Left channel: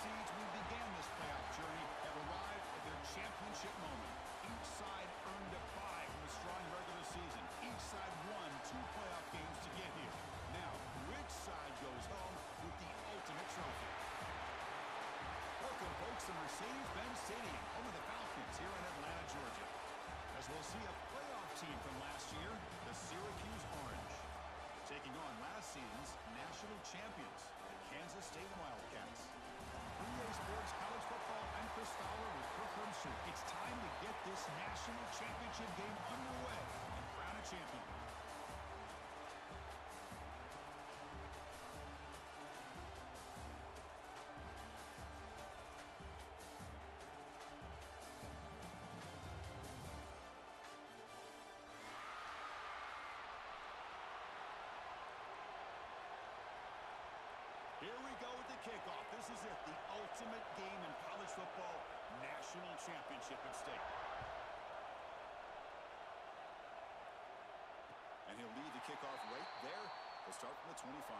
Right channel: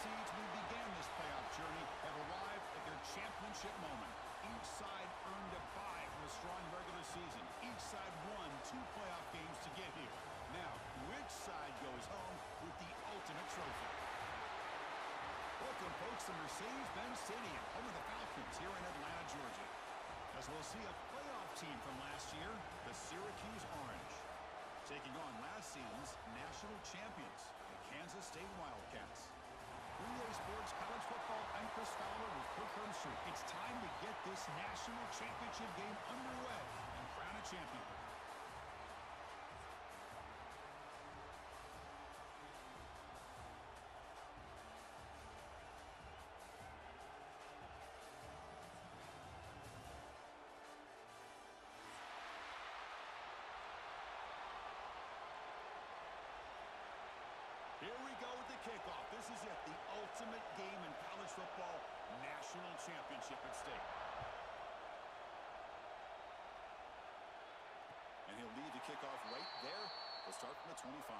seeds we began this playoff journey have arrived at their championship moment. Each side earned a bye from a strong regular season. Each side won 2 playoff games to get here. Now, which side goes home with the ultimate trophy? Welcome, folks, to Mercedes-Benz Stadium, home of the Falcons here in Atlanta, Georgia. As we'll see a playoff team from last year, the Syracuse Orange, taking on last season's national champions, the Kansas State Wildcats. For EA Sports College Football, I'm Chris Fowler with Kirk Herbstreit. It's time to get this national championship game underway and crown a champion. Here we go with the kickoff. This is it, the ultimate game in college football, national championship at stake. And he'll lead the kickoff right there. We'll start from the 25.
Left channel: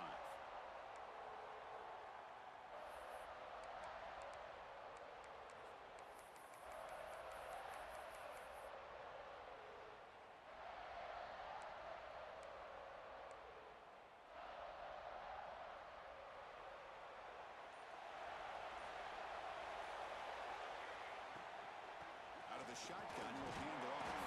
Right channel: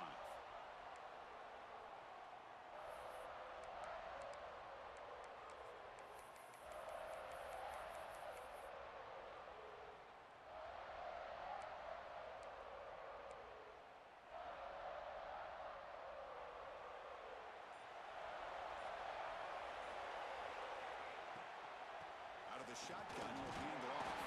Out of the shotgun, he'll hand it off.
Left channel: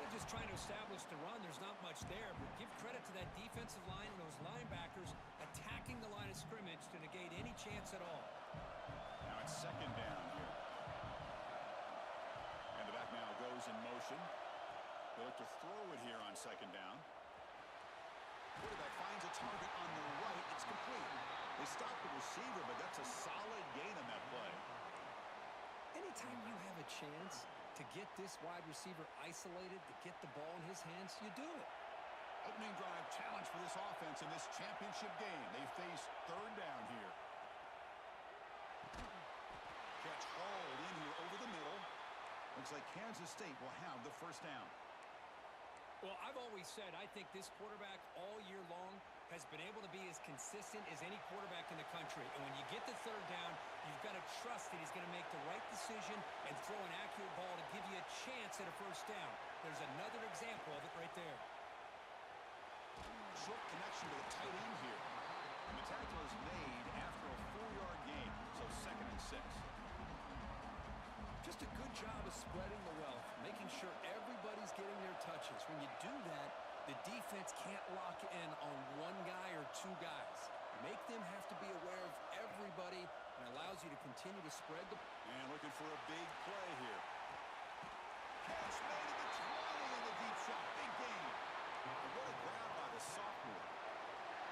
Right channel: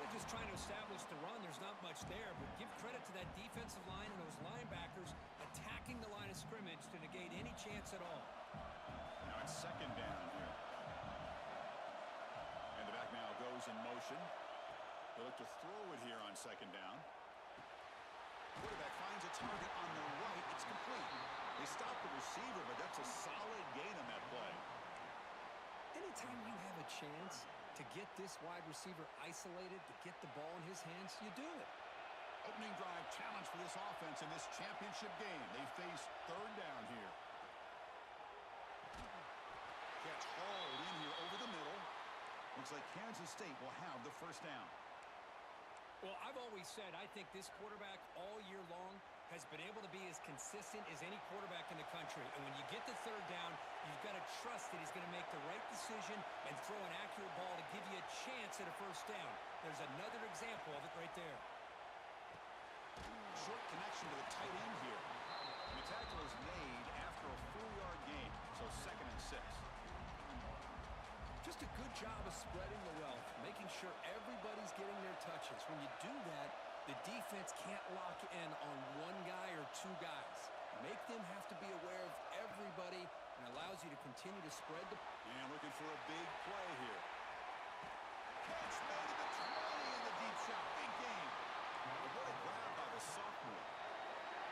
They're just trying to establish the run. There's not much there, but give credit to that defensive line and those linebackers attacking the line of scrimmage to negate any chance at all. Now it's second down here. And the back now goes in motion. He'll look to throw it here on second down. Quarterback finds a target on the right. It's complete. They stopped the receiver, but that's a solid gain on that play. Anytime you have a chance to get this wide receiver isolated, to get the ball in his hands, you do it. Opening drive challenge for this offense in this championship game. They face third down here. Catch hauled in here over the middle. Looks like Kansas State will have the first down. Well, I've always said I think this quarterback all year long has been able to be as consistent as any quarterback in the country. And when you get to third down, you've got to trust that he's going to make the right decision and throw an accurate ball to give you a chance at a first down. There's another example of it right there. Short connection to the tight end here. And the tackle is made after a 4-yard gain, so 2nd and 6. Just a good job of spreading the wealth, making sure everybody's getting their touches. When you do that, the defense can't lock in on one guy or 2 guys. Make them have to be aware of everybody and allows you to continue to spread the... And looking for a big play here. Catch made at the 20 in the deep shot. Big game. And what a grab by the sophomore.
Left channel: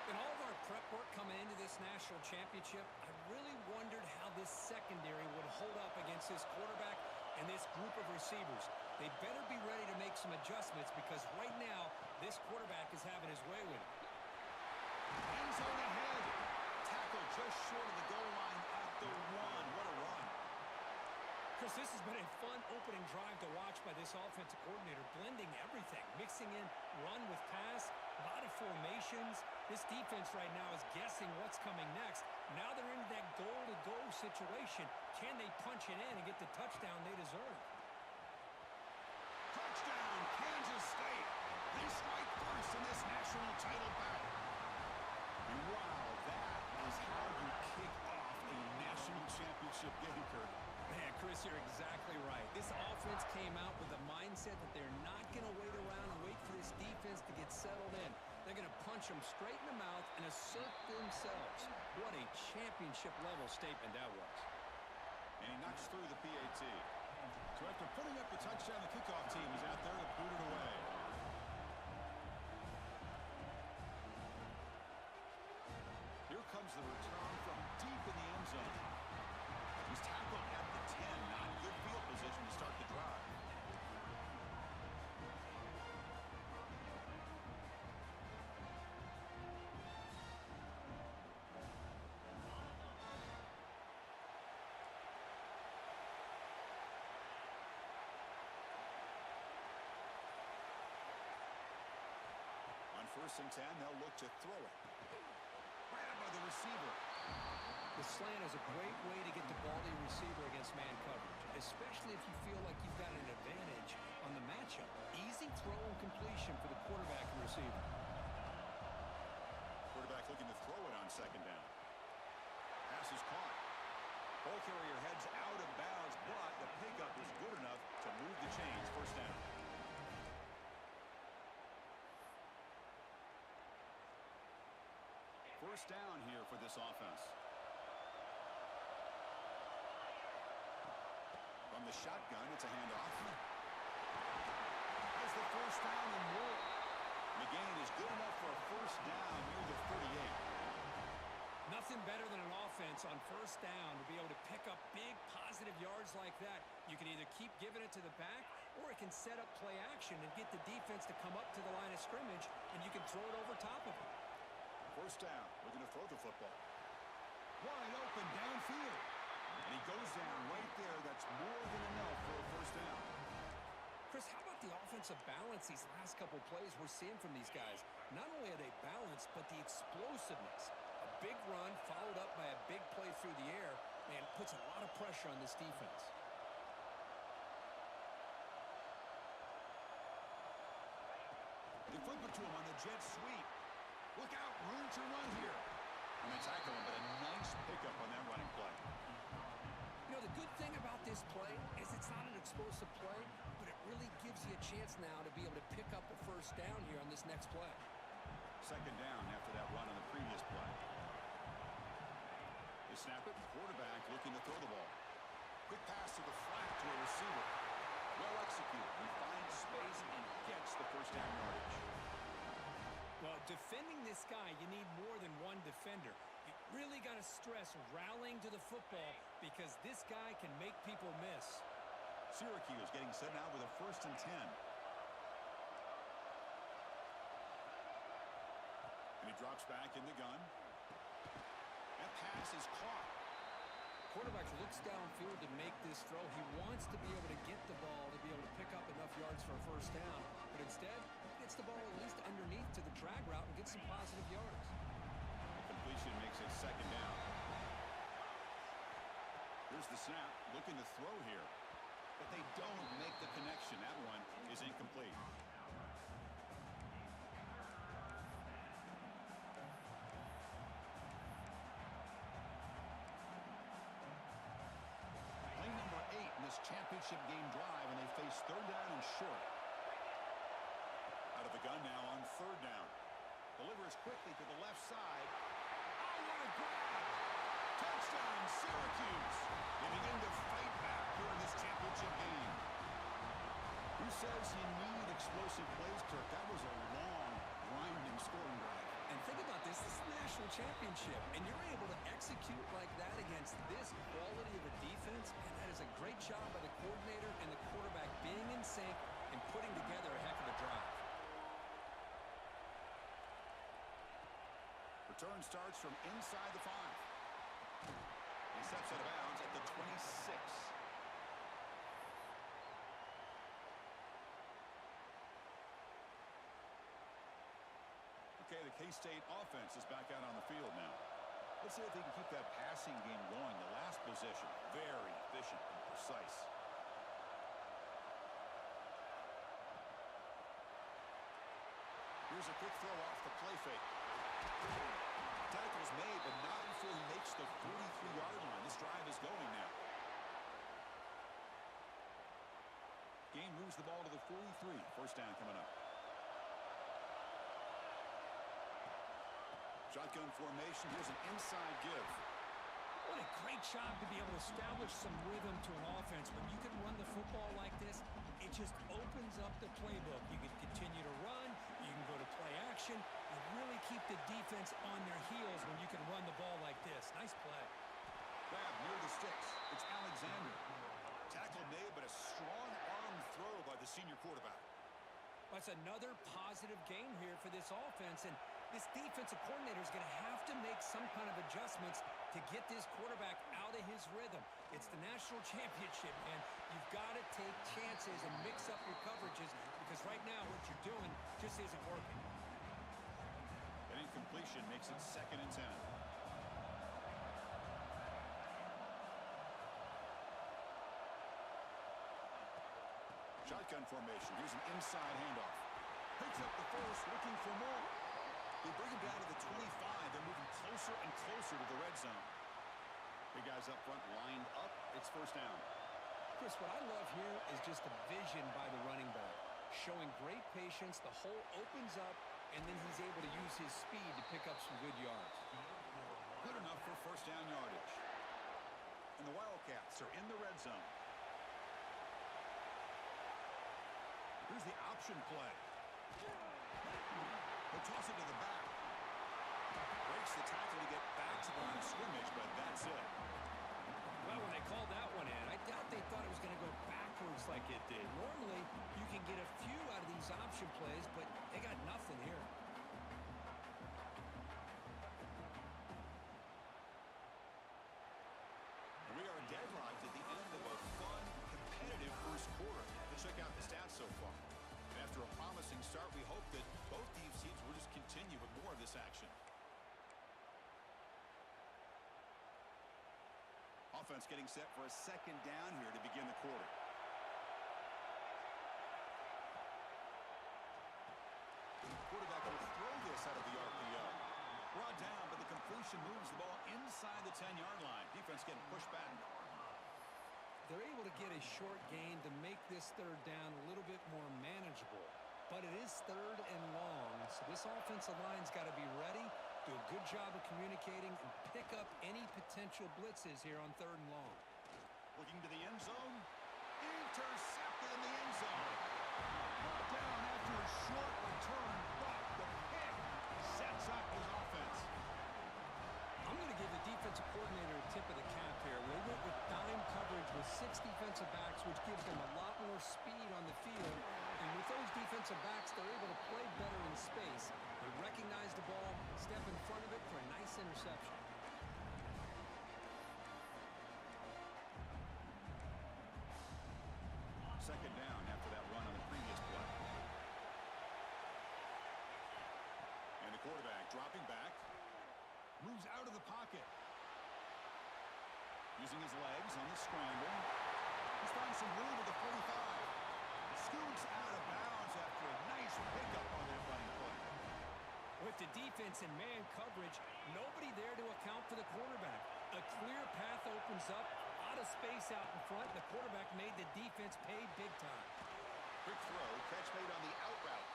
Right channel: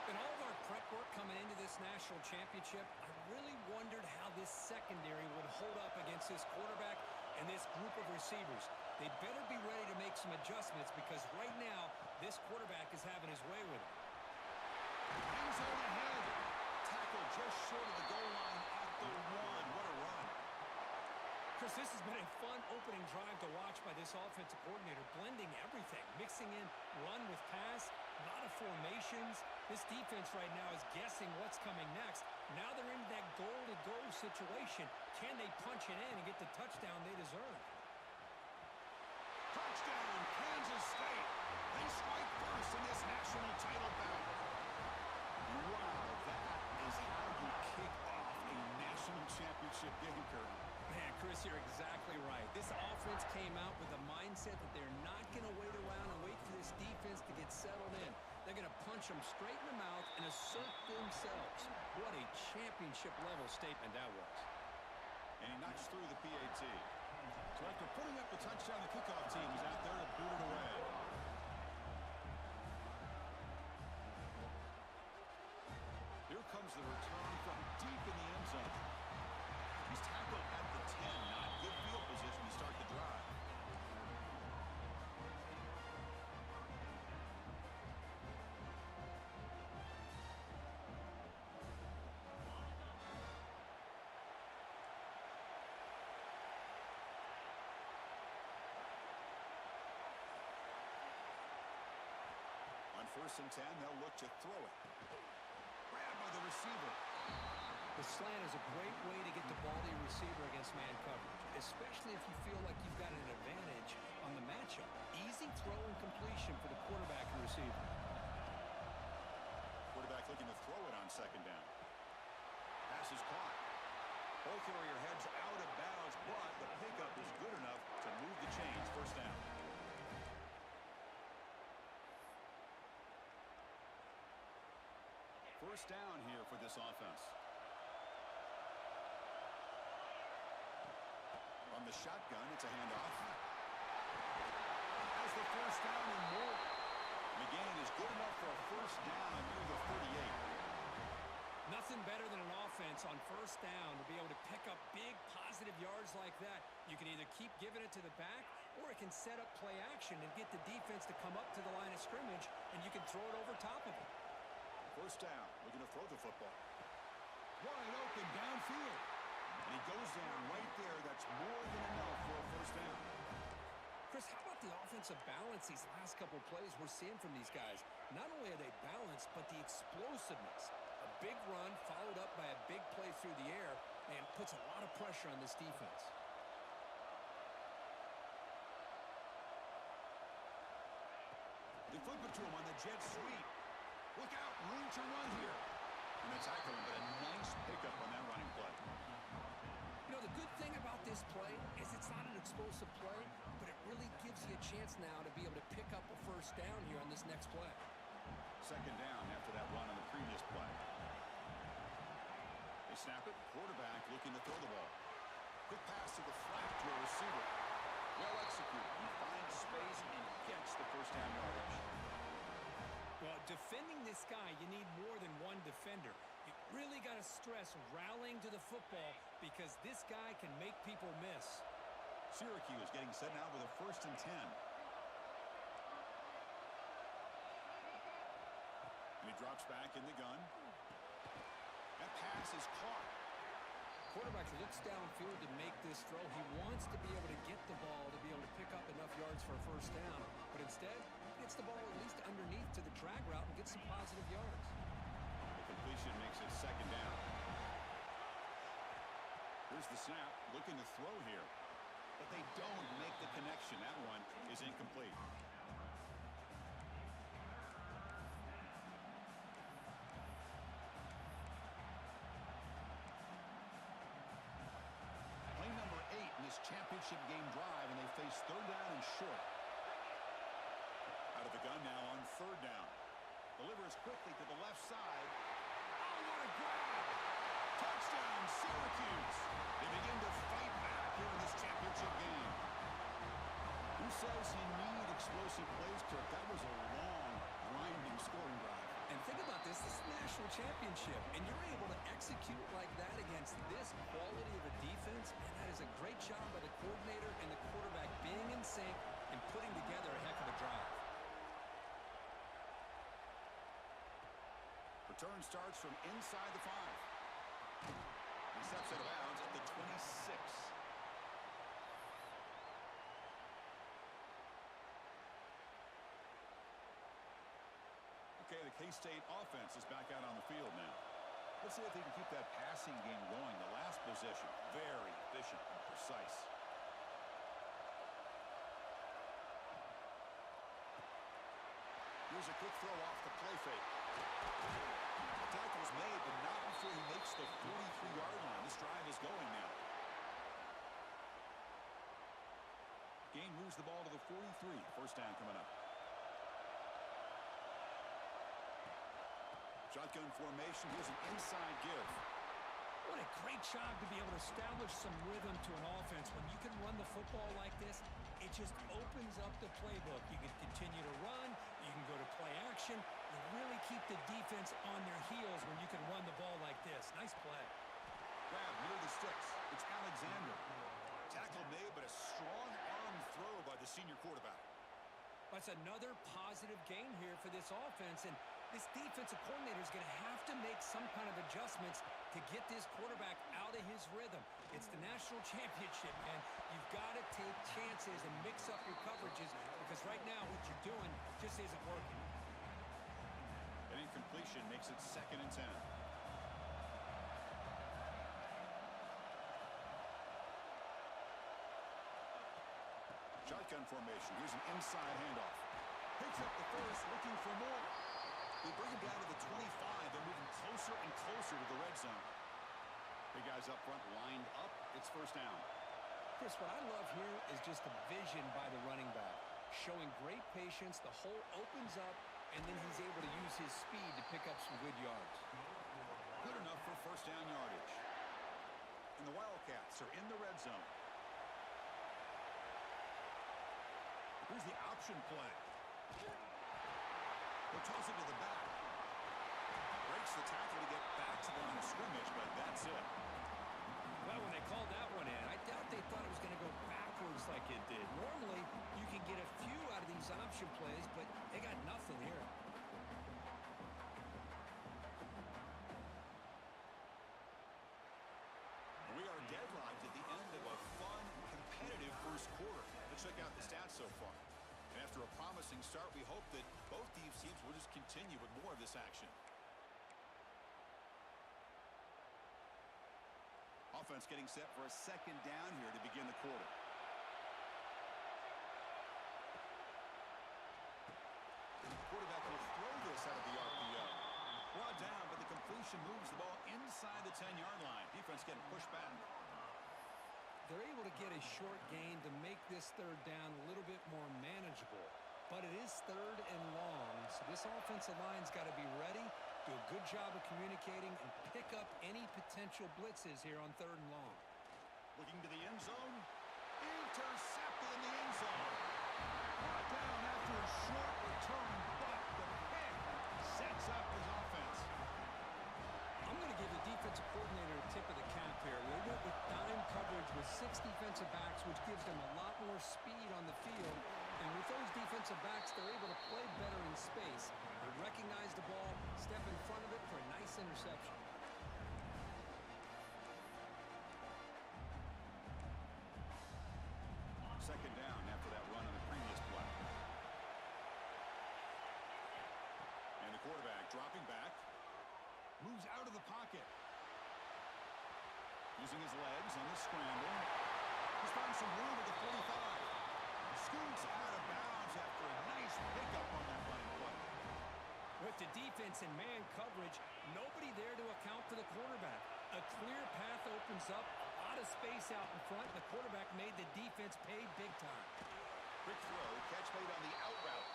In all of our prep work coming into this national championship, I really wondered how this secondary would hold up against this quarterback and this group of receivers. They better be ready to make some adjustments because right now, this quarterback is having his way with it. End zone ahead. Tackle just short of the goal line at the 1. What a run. Chris, this has been a fun opening drive to watch by this offensive coordinator, blending everything, mixing in run with pass, a lot of formations. This defense right now is guessing what's coming next. Now they're into that goal-to-go situation. Can they punch it in and get the touchdown they deserve? Touchdown, Kansas State. They strike first in this national title bout. And wow, that is how you kick off a national championship game, Kirk. Man, Chris, you're exactly right. This offense came out with the mindset that they're not going to wait around and wait for this defense to get settled in. They're going to punch them straight in the mouth and assert themselves. What a championship-level statement that was. And he knocks through the PAT. So after putting up the touchdown, the kickoff team is out there to boot it away. Here comes the return from deep in the end zone. He's tackled at the 10. Not good field position to start the drive. On 1st and 10, they'll look to throw it. Grabbed by the receiver. The slant is a great way to get the ball to your receiver against man coverage, especially if you feel like you've got an advantage on the matchup. Easy throw and completion for the quarterback and receiver. Quarterback looking to throw it on 2nd down. Pass is caught. Ball carrier heads out of bounds, but the pickup is good enough to move the chains. 1st down. First down here for this offense. From the shotgun, it's a handoff. Has the 1st down and more. McGain is good enough for a 1st down near the 38. Nothing better than an offense on 1st down to be able to pick up big positive yards like that. You can either keep giving it to the back, or it can set up play action and get the defense to come up to the line of scrimmage, and you can throw it over top of them. 1st down, looking to throw the football. Wide open downfield. And he goes down right there. That's more than enough for a 1st down. Chris, how about the offensive balance these last couple plays we're seeing from these guys? Not only are they balanced, but the explosiveness. A big run followed up by a big play through the air, and puts a lot of pressure on this defense. They flip it to him on the jet sweep. Look out, room to run here. And they tackle him, but a nice pickup on that running play. You know, the good thing about this play is it's not an explosive play, but it really gives you a chance now to be able to pick up a 1st down here on this next play. 2nd down after that run on the previous play. They snap it. Quarterback looking to throw the ball. Quick pass to the flat to a receiver. Well executed. He finds space and gets the 1st down yardage. Well, defending this guy, you need more than one defender. You really got to stress rallying to the football, because this guy can make people miss. Syracuse getting set now with a 1st and 10. And he drops back in the gun. That pass is caught. Quarterback looks downfield to make this throw. He wants to be able to get the ball to be able to pick up enough yards for a 1st down, but instead gets the ball at least underneath to the drag route and gets some positive yards. The completion makes it 2nd down. Here's the snap, looking to throw here, but they don't make the connection. That one is incomplete. Play number 8 in this championship game drive, and they face 3rd down and short. Out of the gun now on 3rd down. Delivers quickly to the left side. Oh, what a grab! Touchdown, Syracuse! They begin to fight back here in this championship game. Who says you need explosive plays, Kirk? That was a long, grinding scoring drive. And think about this. This is the national championship, and you're able to execute like that against this quality of a defense, and that is a great job by the coordinator and the quarterback being in sync and putting together a heck of a drive. Return starts from inside the 5. He steps out of bounds at the 26. Okay, the K-State offense is back out on the field now. Let's see if they can keep that passing game going. The last possession, very efficient and precise. Here's a quick throw off the play fake. Tackle's made, but not before he makes the 43-yard line. This drive is going now. Gain moves the ball to the 43. 1st down coming up. Shotgun formation. Here's an inside give. What a great job to be able to establish some rhythm to an offense. When you can run the football like this, it just opens up the playbook. You can continue to run. You can go to play action. You really keep the defense on their heels when you can run the ball like this. Nice play. Grab near the sticks. It's Alexander. Tackle made, but a strong arm throw by the senior quarterback. That's another positive gain here for this offense, and this defensive coordinator is going to have to make some kind of adjustments to get this quarterback out of his rhythm. It's the national championship, man. You've got to take chances and mix up your coverages, because right now what you're doing just isn't working. completion makes it 2nd and 10. Shotgun formation. Here's an inside handoff. Picks up the first, looking for more. They bring him down to the 25. They're moving closer and closer to the red zone. Big guys up front lined up. It's 1st down. Chris, what I love here is just the vision by the running back. Showing great patience. The hole opens up, and then he's able to use his speed to pick up some good yards. Good enough for 1st down yardage. And the Wildcats are in the red zone. Here's the option play. They'll toss it to the back. Breaks the tackle to get back to the line of scrimmage, but that's it. Well, when they called that one in, I doubt they thought it was going to go backwards like it did. Normally, you can get a few out of these option plays, but they got nothing here. We are deadlocked at the end of a fun, competitive first quarter. Let's check out the stats so far. And after a promising start, we hope that both these teams will just continue with more of this action. Offense getting set for a 2nd down here to begin the quarter. The quarterback will throw this out of the RPO. Brought down, but the completion moves the ball inside the 10-yard line. Defense getting pushed back. They're able to get a short gain to make this 3rd down a little bit more manageable. But it is 3rd and long, so this offensive line's got to be ready, do a good job of communicating, and pick up any potential blitzes here on 3rd and long. Looking to the end zone. Intercepted in the end zone. Brought down after a short return, but the pick sets up his offense. I'm going to give the defensive coordinator a tip of the cap here. They went with dime coverage with 6 defensive backs, which gives them a lot more speed on the field. And with those defensive backs, they're able to play better in space. They recognize the ball, step in front of it for a nice interception. 2nd down after that run on the previous play. And the quarterback dropping back. Moves out of the pocket. Using his legs on the scramble. He's found some room at the 45. Scoots out of bounds after a nice pickup on that running play. With the defense in man coverage, nobody there to account for the quarterback. A clear path opens up, a lot of space out in front. The quarterback made the defense pay big time. Quick throw, catch made on the out route.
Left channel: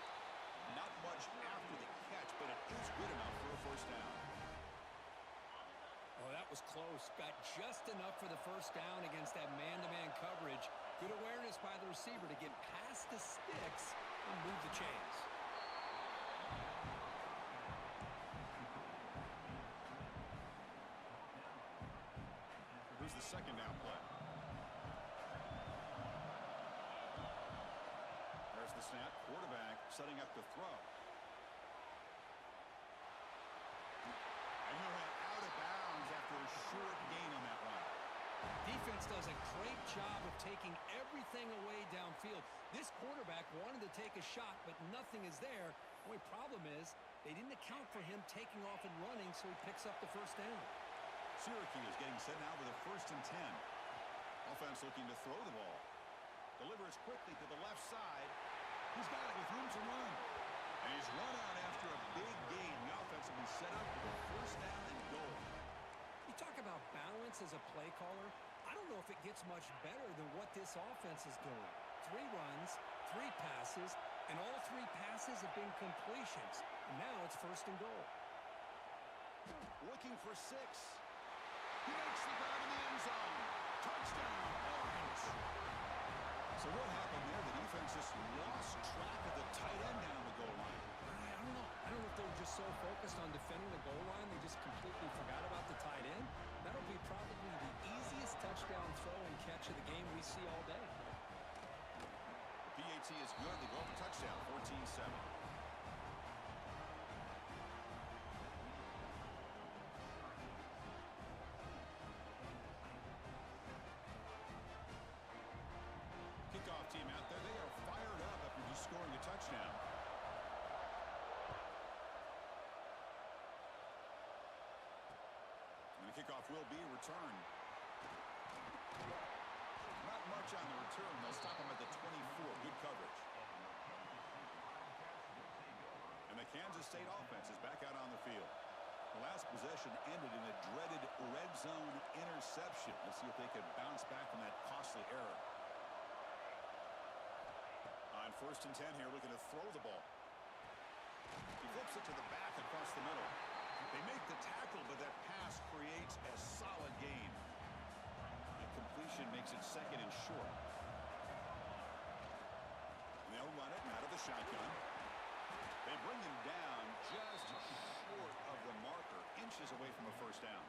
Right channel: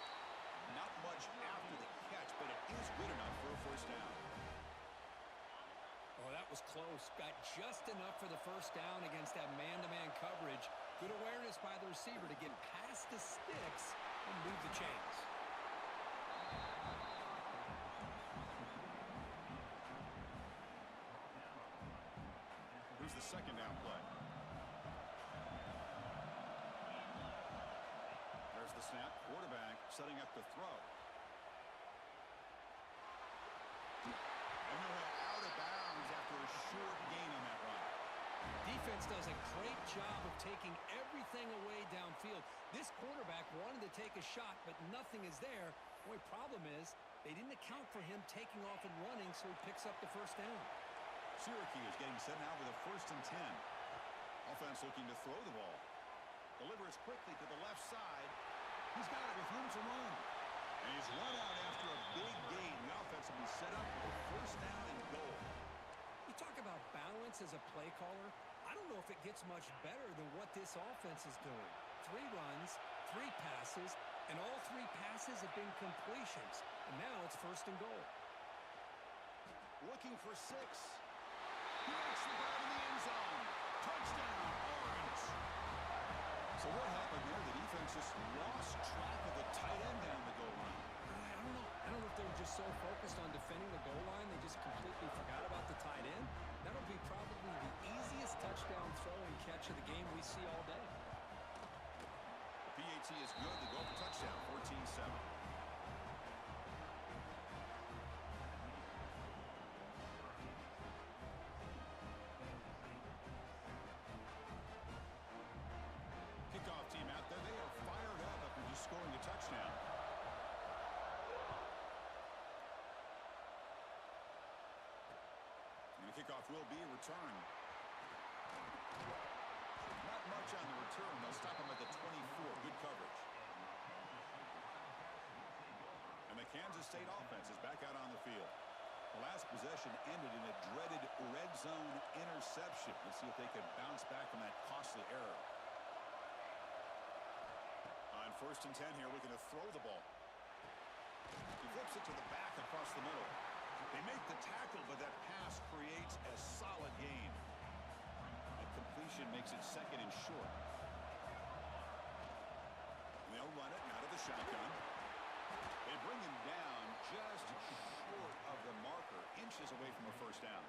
Not much after the catch, but it is good enough for a 1st down. Oh, that was close. Got just enough for the 1st down against that man-to-man coverage. Good awareness by the receiver to get past the sticks and move the chains. Here's the 2nd down play. There's the snap. Quarterback setting up the throw. And he'll head out of bounds after a short gain on that run. Defense does a great job of taking everything away downfield. This quarterback wanted to take a shot, but nothing is there. The only problem is they didn't account for him taking off and running, so he picks up the 1st down. Syracuse getting set now with a 1st and 10. Offense looking to throw the ball. Delivers quickly to the left side. He's got it with room to run. And he's run out after a big gain. The offense will be set up with a 1st down and goal. You talk about balance as a play caller. I don't know if it gets much better than what this offense is doing. 3 runs, 3 passes, and all 3 passes have been completions. And now it's 1st and goal. Looking for 6. He makes the grab in the end zone. Touchdown, Orange. So what happened there? The defense just lost track of the tight end down the goal line. I don't know. I don't know if they were just so focused on defending the goal line, they just completely forgot about the tight end. That'll be probably the easiest touchdown throw and catch of the game we see all day. The PAT is good. They go for touchdown, 14-7. Kickoff team out there. They are fired up after just scoring a touchdown. The kickoff will be a return. Not much on the return. They'll stop him at the 24. Good coverage. And the Kansas State offense is back out on the field. The last possession ended in a dreaded red zone interception. Let's see if they can bounce back from that costly error. On 1st and 10 here, looking to throw the ball. He flips it to the back across the middle. They make the tackle, but that pass creates a solid gain. The completion makes it 2nd and short. And they'll run it out of the shotgun. They bring him down just short of the marker, inches away from a 1st down.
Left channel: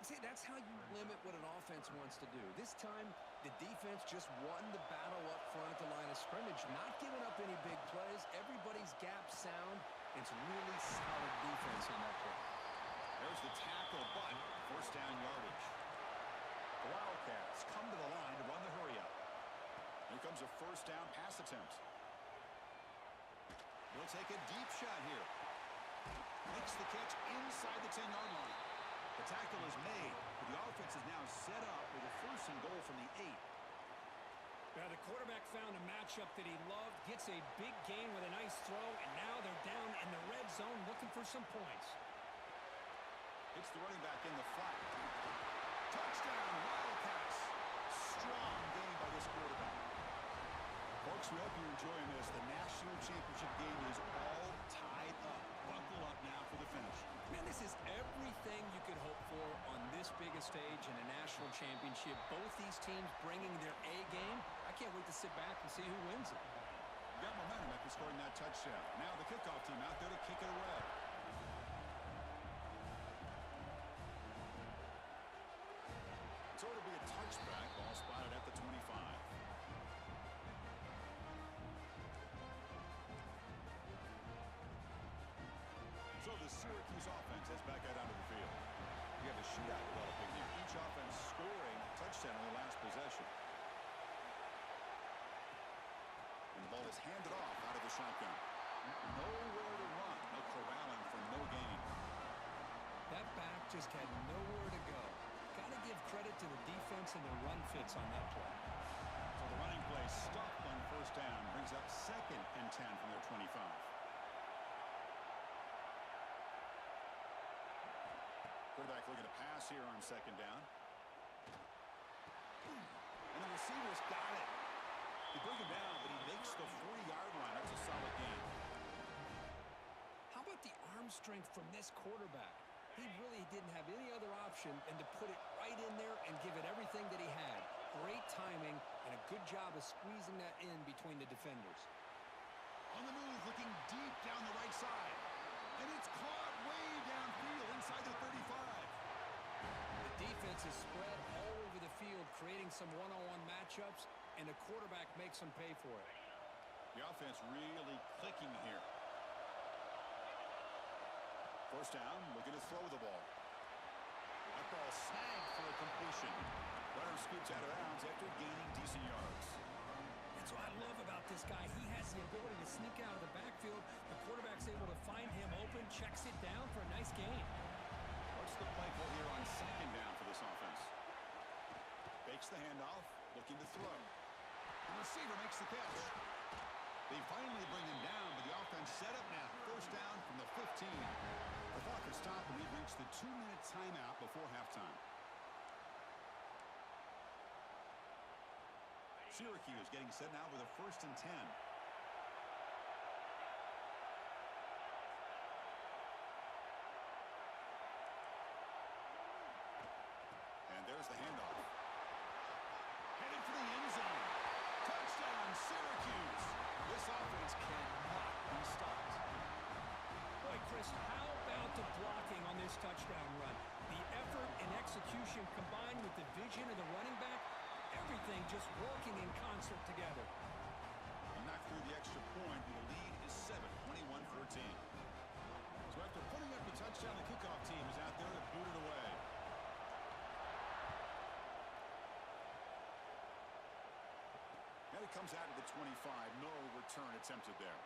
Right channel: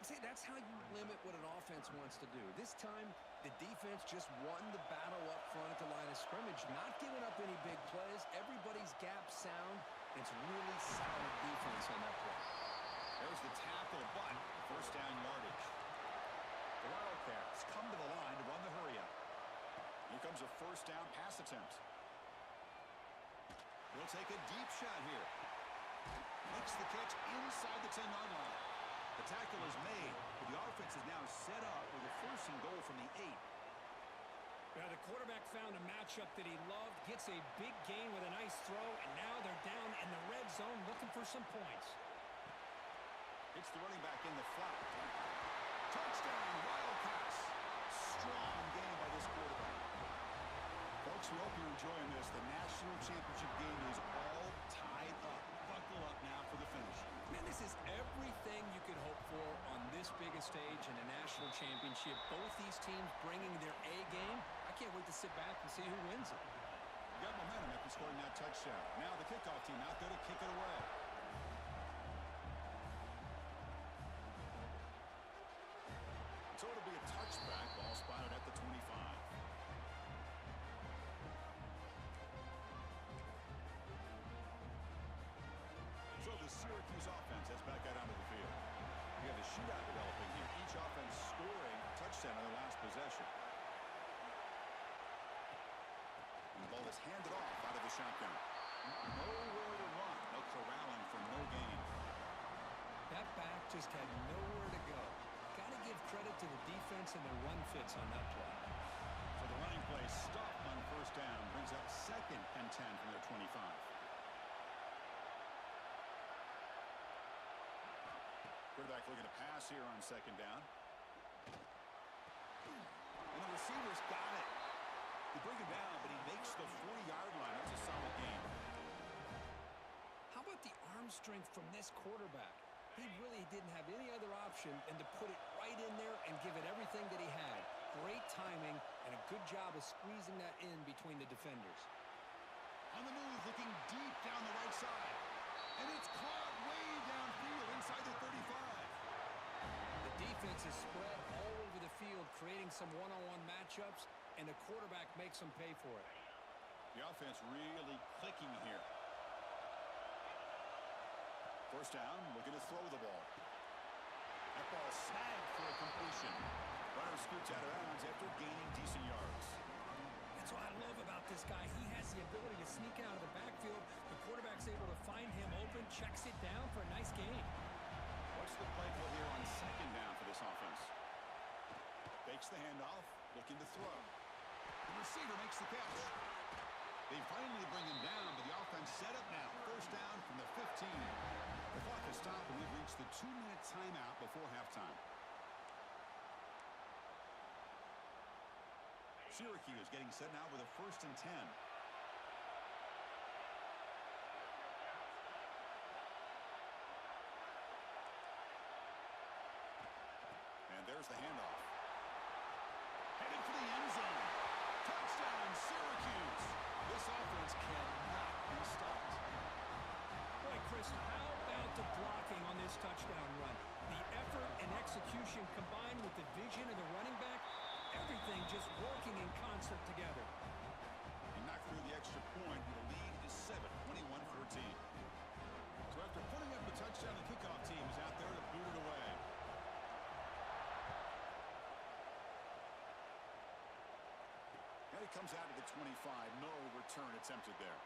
See, that's how you limit what an offense wants to do. This time, the defense just won the battle up front at the line of scrimmage, not giving up any big plays. Everybody's gap sound. It's really solid defense on that play. There's the tackle, but 1st down yardage. The Wildcats come to the line to run the hurry up. Here comes a 1st down pass attempt. He'll take a deep shot here. Makes the catch inside the 10-yard line. The tackle is made, but the offense is now set up with a 1st and goal from the 8. Now the quarterback found a matchup that he loved, gets a big gain with a nice throw, and now they're down in the red zone looking for some points. It's the running back in the flat. Touchdown, Wildcats. Strong game by this quarterback. Folks, we hope you're enjoying this. The national championship game is all tied up. Buckle up now for the finish. Man, this is everything you could hope for on this biggest stage in a national championship. Both these teams bringing their A game. I can't wait to sit back and see who wins it. You got momentum after scoring that touchdown. Now the kickoff team out there to kick it away. So it'll be a touchback. Ball spotted at the 25. So the Syracuse offense heads back out onto the field. You have a shootout developing here. Each offense scoring a touchdown in their last possession. And the ball is handed off out of the shotgun. Nowhere to run. No corralling for no gain. That back just had nowhere to go. Got to give credit to the defense and their run fits on that play. So the running play stopped on 1st down. Brings up 2nd and 10 from their 25. Quarterback looking to pass here on 2nd down. And the receiver's got it. They bring him down, but he makes the 40-yard line. That's a solid gain. How about the arm strength from this quarterback? He really didn't have any other option than to put it right in there and give it everything that he had. Great timing and a good job of squeezing that in between the defenders. On the move, looking deep down the right side. And it's caught way downfield inside the 35. The defense is spread all over the field, creating some one-on-one matchups, and the quarterback makes them pay for it. The offense really clicking here. 1st down, looking to throw the ball. That ball snagged for a completion. Runner scoots out of bounds after gaining decent yards. That's what I love about this guy. He has the ability to sneak out of the backfield. The quarterback's able to find him open, checks it down for a nice gain. What's the play call here on 2nd down for this offense? Fakes the handoff, looking to throw. The receiver makes the catch. They finally bring him down, but the offense set up now. 1st down from the 15. The clock has stopped, and we've reached the 2-minute timeout before halftime. Syracuse getting set now with a 1st and 10. And there's the handoff. Headed for the end zone. Touchdown, Syracuse. This offense cannot be stopped. Boy, Chris, how about the blocking on this touchdown run? The effort and execution combined with the vision of the running back, everything just working in concert together. He knocked through the extra point, and the lead is 7, 21-14. So after putting up the touchdown, the kickoff team is out there to boot it away. And it comes out of the 25. No return attempted there.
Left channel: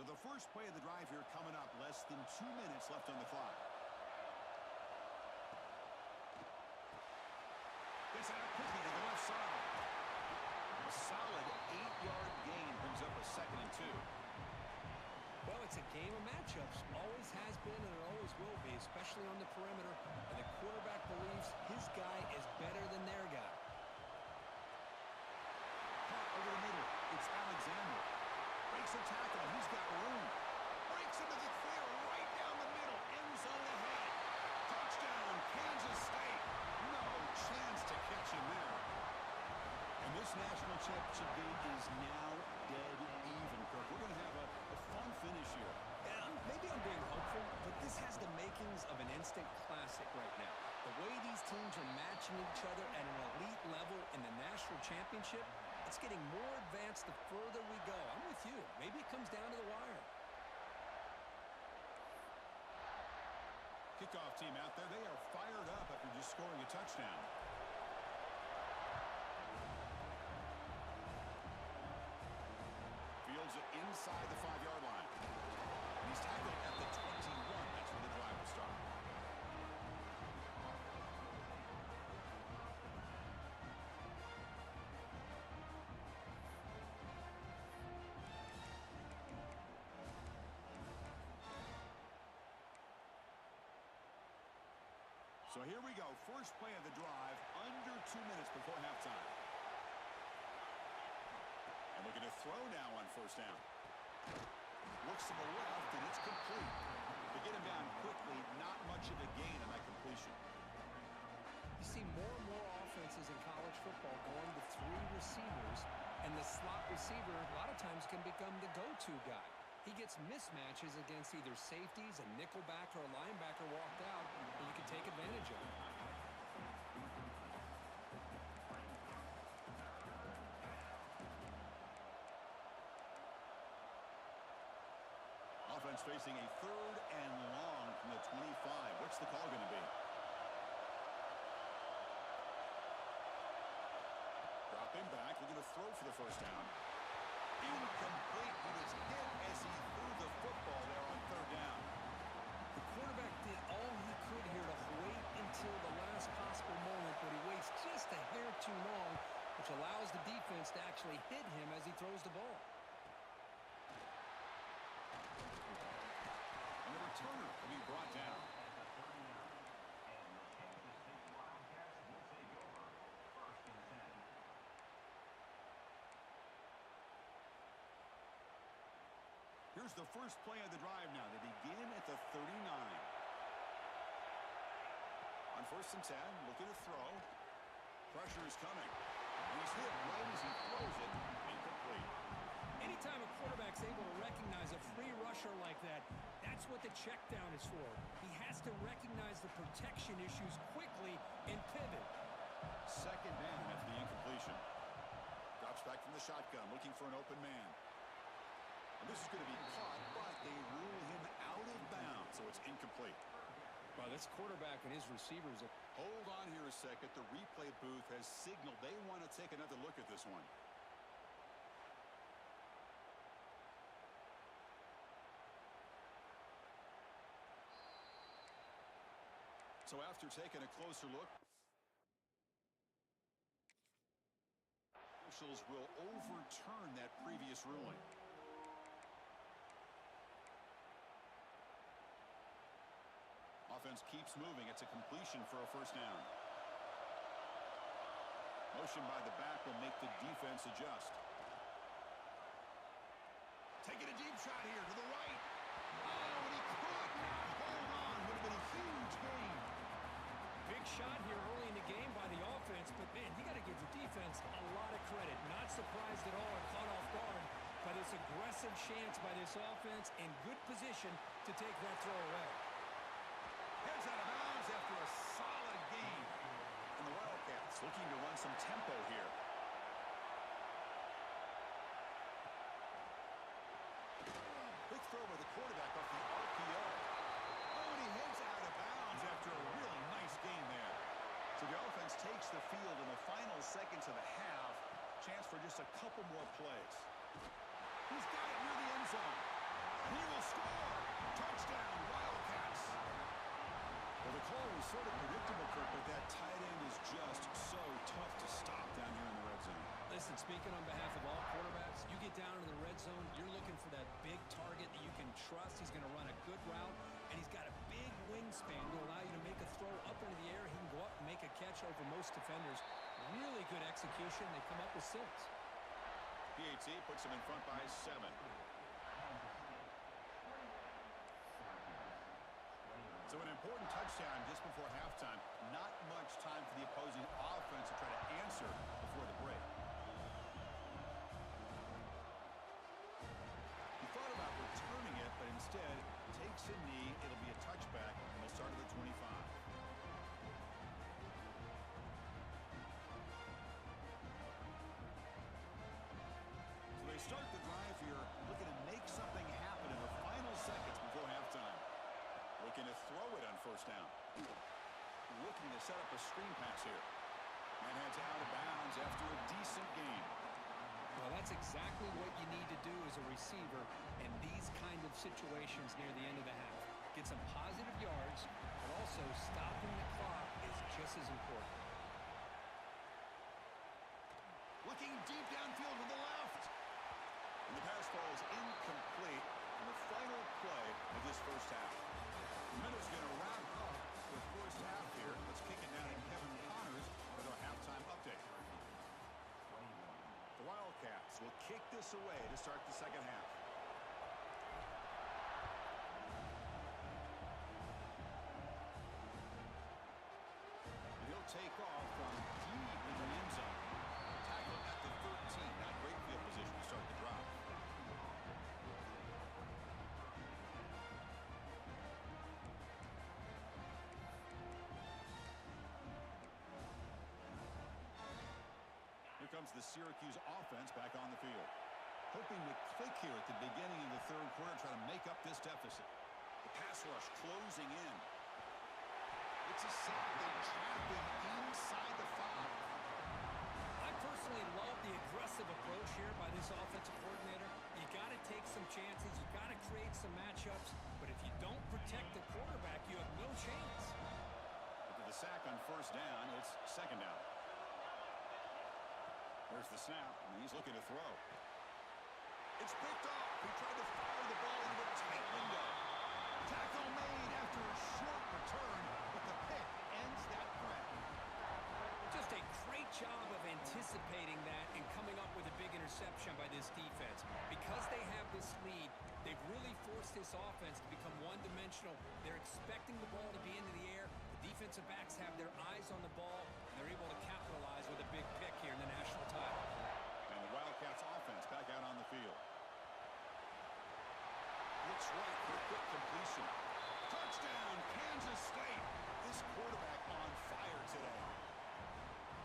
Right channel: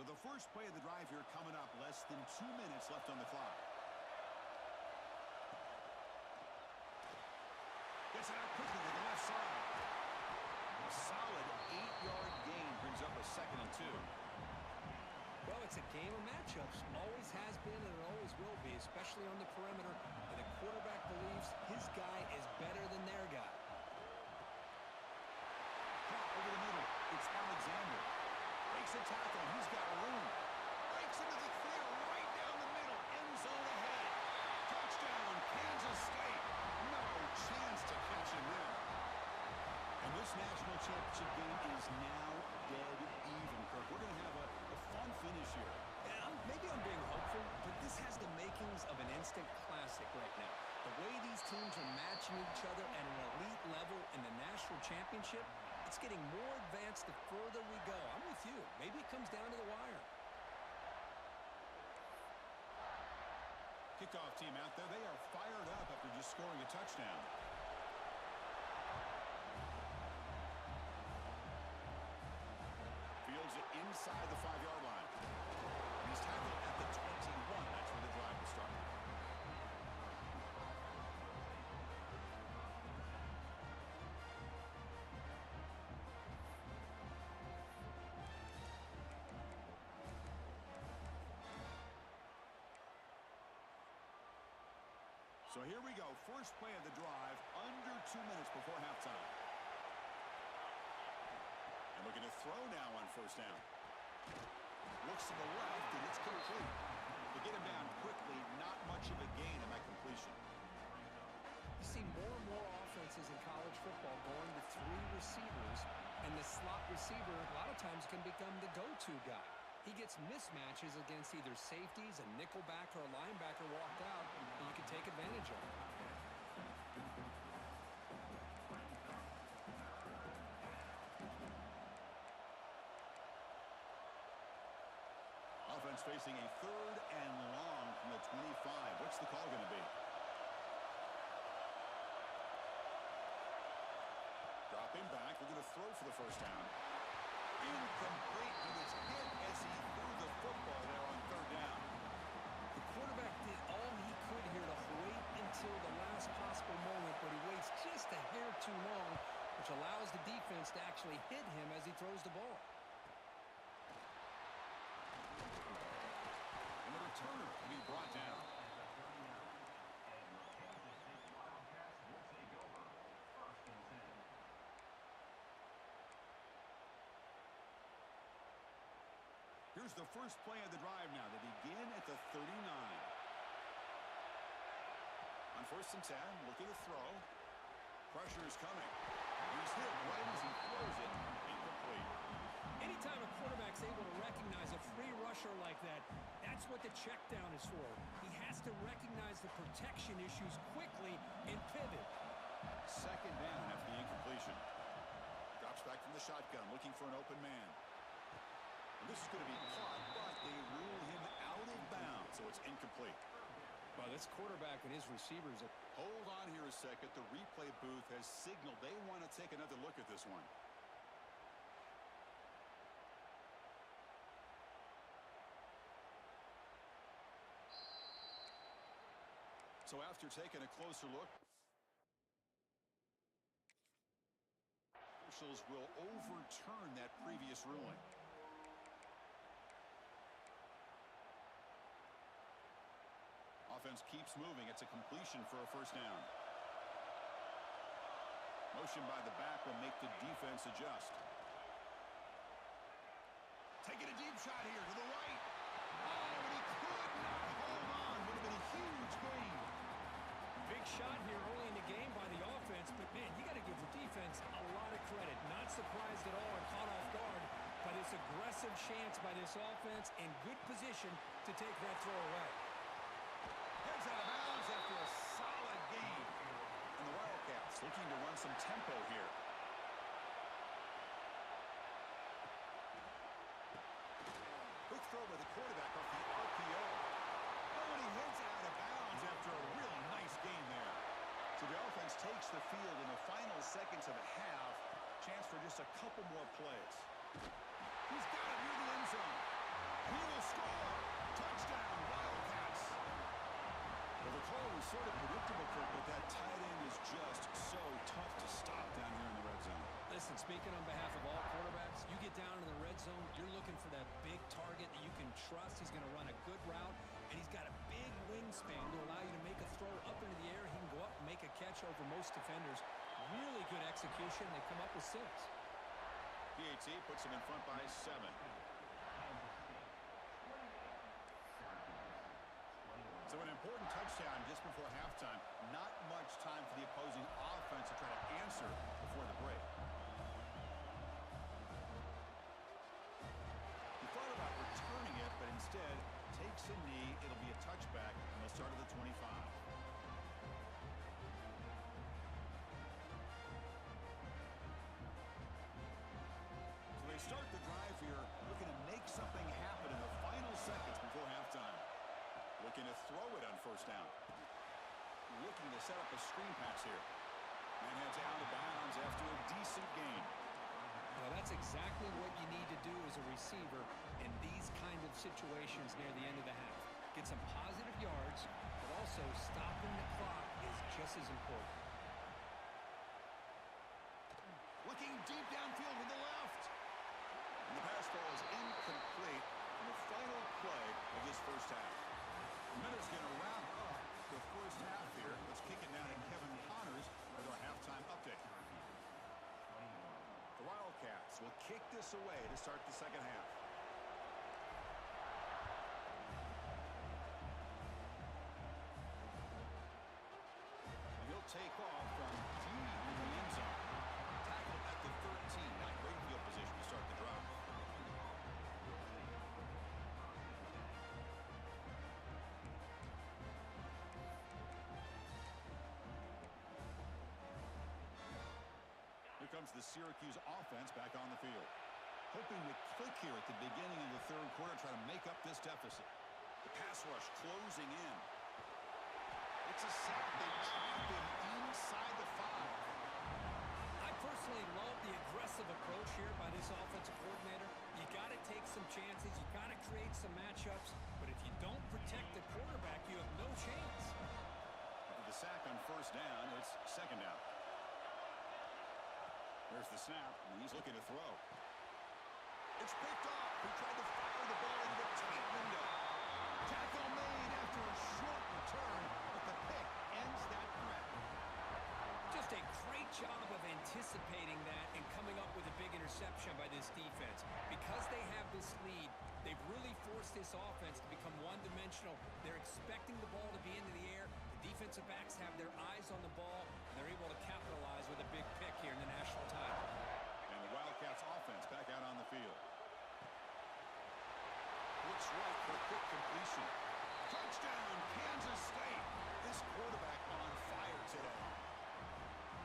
So the first play of the drive here coming up, less than 2 minutes left on the clock. Gets it out quickly to the left side. A solid 8-yard gain brings up a 2nd and 2. Well, it's a game of matchups. Always has been and it always will be, especially on the perimeter. And the quarterback believes his guy is better than their guy. Caught over the middle. It's Alexander. Breaks a tackle. He's got room. Breaks into the clear right down the middle. End zone ahead. Touchdown, Kansas State. No chance to catch him there. And this national championship game is now dead even, Kirk. We're going to have a fun finish here. Yeah, maybe I'm being hopeful, but this has the makings of an instant classic right now. The way these teams are matching each other at an elite level in the national championship, it's getting more advanced the further we go. I'm with you. Maybe it comes down to the wire. Kickoff team out there. They are fired up after just scoring a touchdown. Fields it inside the 5-yard line. And he's tackled at the 21. That's where the drive will start. So here we go. First play of the drive, under 2 minutes before halftime. And looking to throw now on first down. Looks to the left, and it's complete. To get him down quickly, not much of a gain on that completion. You see more and more offenses in college football going to 3 receivers, and the slot receiver a lot of times can become the go-to guy. He gets mismatches against either safeties, a nickelback, or a linebacker walked out, and you can take advantage of it. Offense facing a 3rd and long from the 25. What's the call going to be? Dropping back, looking to throw for the first down. Incomplete. He was hit as he threw the football there on 3rd down. The quarterback did all he could here to wait until the last possible moment, but he waits just a hair too long, which allows the defense to actually hit him as he throws the ball. And the returner will be brought down. Here's the first play of the drive now. They begin at the 39. On 1st and 10, looking to throw. Pressure is coming. And he's hit right as he throws it. Incomplete. Anytime a quarterback's able to recognize a free rusher like that, that's what the check down is for. He has to recognize the protection issues quickly and pivot. 2nd down after the incompletion. Drops back from the shotgun, looking for an open man. And this is going to be caught, but they rule him out of bounds, so it's incomplete. Well, this quarterback and his receivers. Hold on here a second. The replay booth has signaled they want to take another look at this one. So after taking a closer look, officials will overturn that previous ruling. Offense keeps moving. It's a completion for a first down. Motion by the back will make the defense adjust. Taking a deep shot here to the right. Oh, and he could not hold on. Would have been a huge gain. Big shot here early in the game by the offense, but man, you got to give the defense a lot of credit. Not surprised at all and caught off guard by this aggressive chance by this offense in good position to take that throw away. Heads out of bounds after a solid gain. And the Wildcats looking to run some tempo here. Quick throw by the quarterback off the RPO. Oh, and he heads out of bounds after a really nice gain there. So the offense takes the field in the final seconds of the half. Chance for just a couple more plays. He's got it near the end zone. He will score. Touchdown, Wildcats. Well, the call was sort of predictable, Kirk, but that tight end is just so tough to stop down here in the red zone. Listen, speaking on behalf of all quarterbacks, you get down in the red zone, you're looking for that big target that you can trust. He's going to run a good route, and he's got a big wingspan to allow you to make a throw up into the air. He can go up and make a catch over most defenders. Really good execution. They come up with 6. PAT puts him in front by 7. So an important touchdown just before halftime. Not much time for the opposing offense to try to answer before the break. He thought about returning it, but instead takes a knee. It'll be a touchback, and they'll start at the 25. So they start the drive here, looking to make something happen in the final seconds before halftime. Looking to throw it on first down. Looking to set up a screen pass here. And heads out of bounds after a decent gain. Well, that's exactly what you need to do as a receiver in these kind of situations near the end of the half. Get some positive yards, but also stopping the clock is just as important. Looking deep downfield to the left. And the pass ball is incomplete in the final play of this first half. Minutes going to wrap up the first half here. Let's kick it down to Kevin Connors with our halftime update. The Wildcats will kick this away to start the second half. And he'll take off from deep in the end zone. Tackle at the 13. Not great field position to start the drive. Here comes the Syracuse offense back on the field. Hoping to click here at the beginning of the third quarter, try to make up this deficit. The pass rush closing in. It's a sack. They trap him inside the 5. I personally love the aggressive approach here by this offensive coordinator. You got to take some chances. You got to create some matchups. But if you don't protect the quarterback, you have no chance. After the sack on first down, it's second down. There's the snap, and he's looking to throw. It's picked off. He tried to fire the ball into a tight window. Tackle made after a short return, but the pick ends that threat. Just a great job of anticipating that and coming up with a big interception by this defense. Because they have this lead, they've really forced this offense to become one-dimensional. They're expecting the ball to be into the air. The defensive backs have their eyes on the ball, and they're able to capitalize with a big pick here in the national title. And the Wildcats offense back out on the field. Looks right for a quick completion. Touchdown, Kansas State. This quarterback on fire today.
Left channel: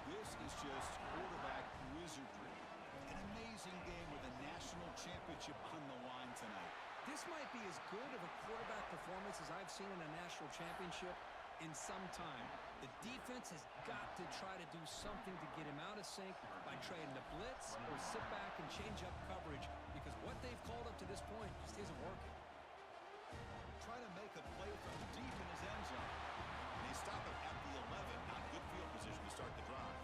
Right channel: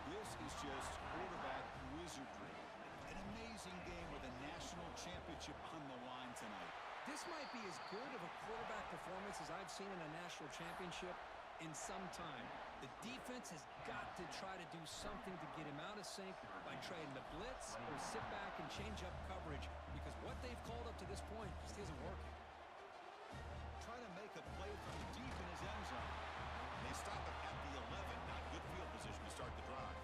This is just quarterback wizardry. An amazing game with a national championship on the line tonight. This might be as good of a quarterback performance as I've seen in a national championship in some time. The defense has got to try to do something to get him out of sync by trying to blitz or sit back and change up coverage, because what they've called up to this point just isn't working. Try to make a play from deep in his end zone. They stop him at the 11. Not good field position to start the drive.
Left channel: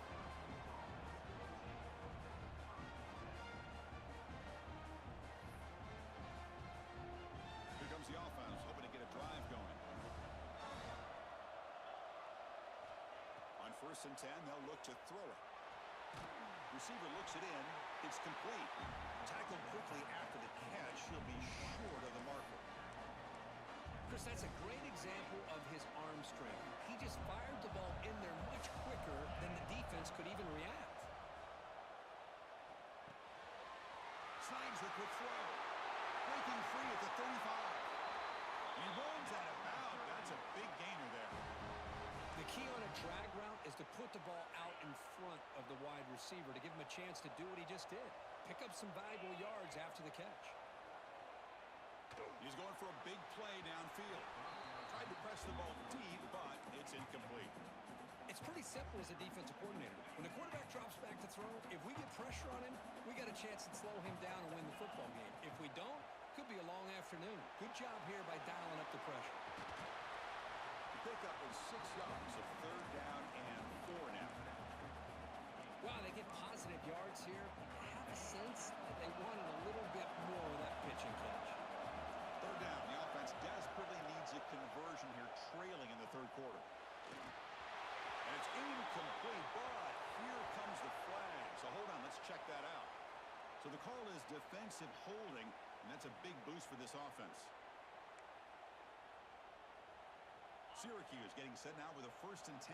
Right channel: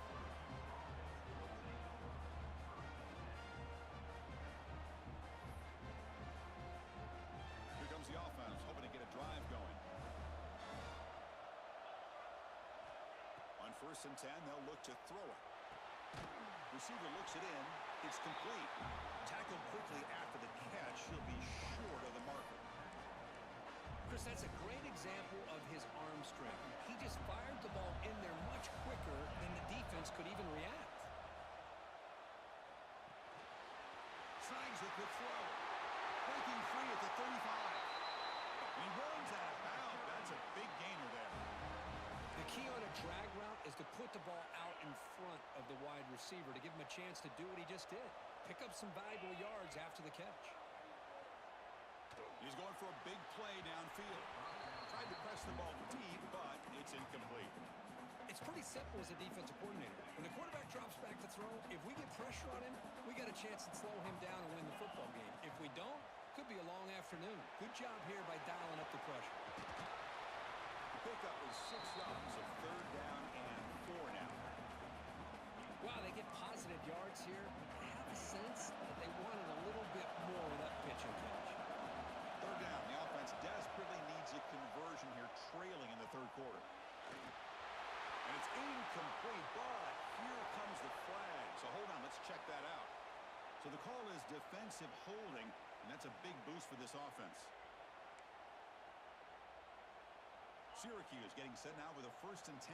Here comes the offense, hoping to get a drive going. On 1st and 10, they'll look to throw it. Receiver looks it in. It's complete. Tackled quickly after the catch. He'll be short of the marker. Chris, that's a great example of his arm strength. He just fired the ball in there much quicker than the defense could even react. Signs the quick throw. Breaking free at the 35. And he runs out of bounds. That's a big gainer there. The key on a drag route is to put the ball out in front of the wide receiver to give him a chance to do what he just did. Pick up some valuable yards after the catch. He's going for a big play downfield. Tried to press the ball deep, but it's incomplete. It's pretty simple as a defensive coordinator. When the quarterback drops back to throw, if we get pressure on him, we got a chance to slow him down and win the football game. If we don't, Could be a long afternoon. Good job here by dialing up the pressure. The pickup is 6 yards, so 3rd down and 4 now. Wow, they get positive yards here. I have a sense that they wanted a little bit more with that pitch and catch. 3rd down. The offense desperately needs a conversion here, trailing in the 3rd quarter. And it's incomplete, but here comes the flag. So hold on, let's check that out. So the call is defensive holding, and that's a big boost for this offense. Syracuse getting set now with a 1st and 10.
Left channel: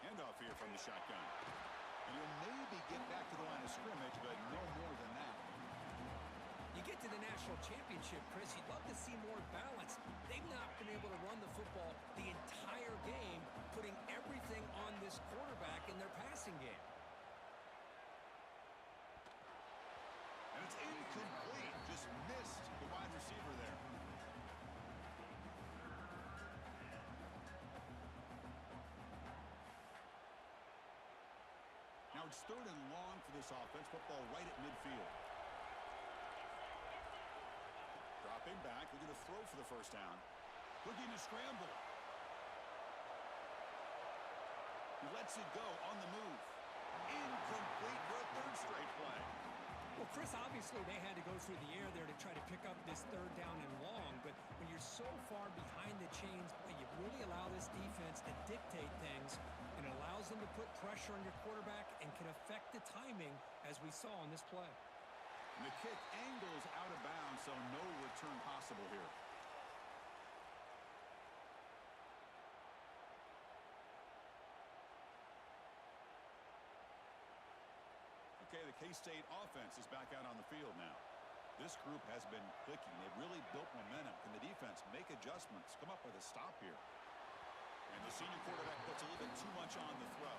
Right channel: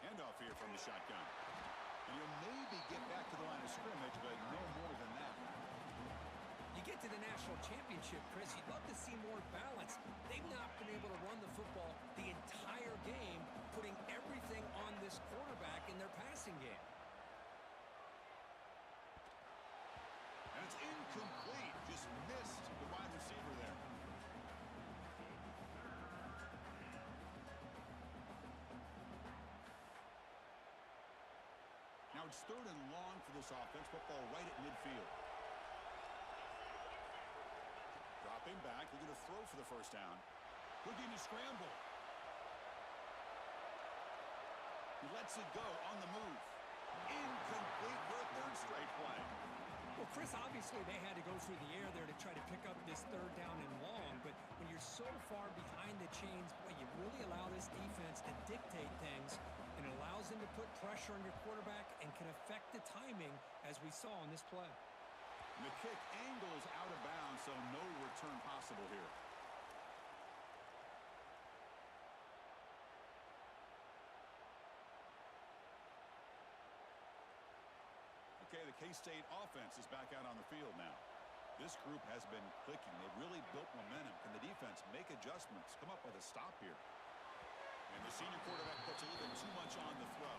Handoff here from the shotgun. And he'll maybe get back to the line of scrimmage, but no more than that. You get to the national championship, Chris, you'd love to see more balance. They've not been able to run the football the entire game, putting everything on this quarterback in their passing game. And it's incomplete. Just missed the wide receiver there. Now it's 3rd and long for this offense. Football right at midfield. Dropping back, looking to throw for the 1st down. Looking to scramble. He lets it go on the move. Incomplete for a 3rd straight play. Well, Chris, obviously they had to go through the air there to try to pick up this 3rd down and long, but when you're so far behind the chains, boy, you really allow this defense to dictate things, and it allows them to put pressure on your quarterback and can affect the timing, as we saw on this play. And the kick angles out of bounds, so no return possible here. Okay, the K-State offense is back out on the field now. This group has been clicking. They've really built momentum. Can the defense make adjustments, come up with a stop here? And the senior quarterback puts a little bit too much on the throw.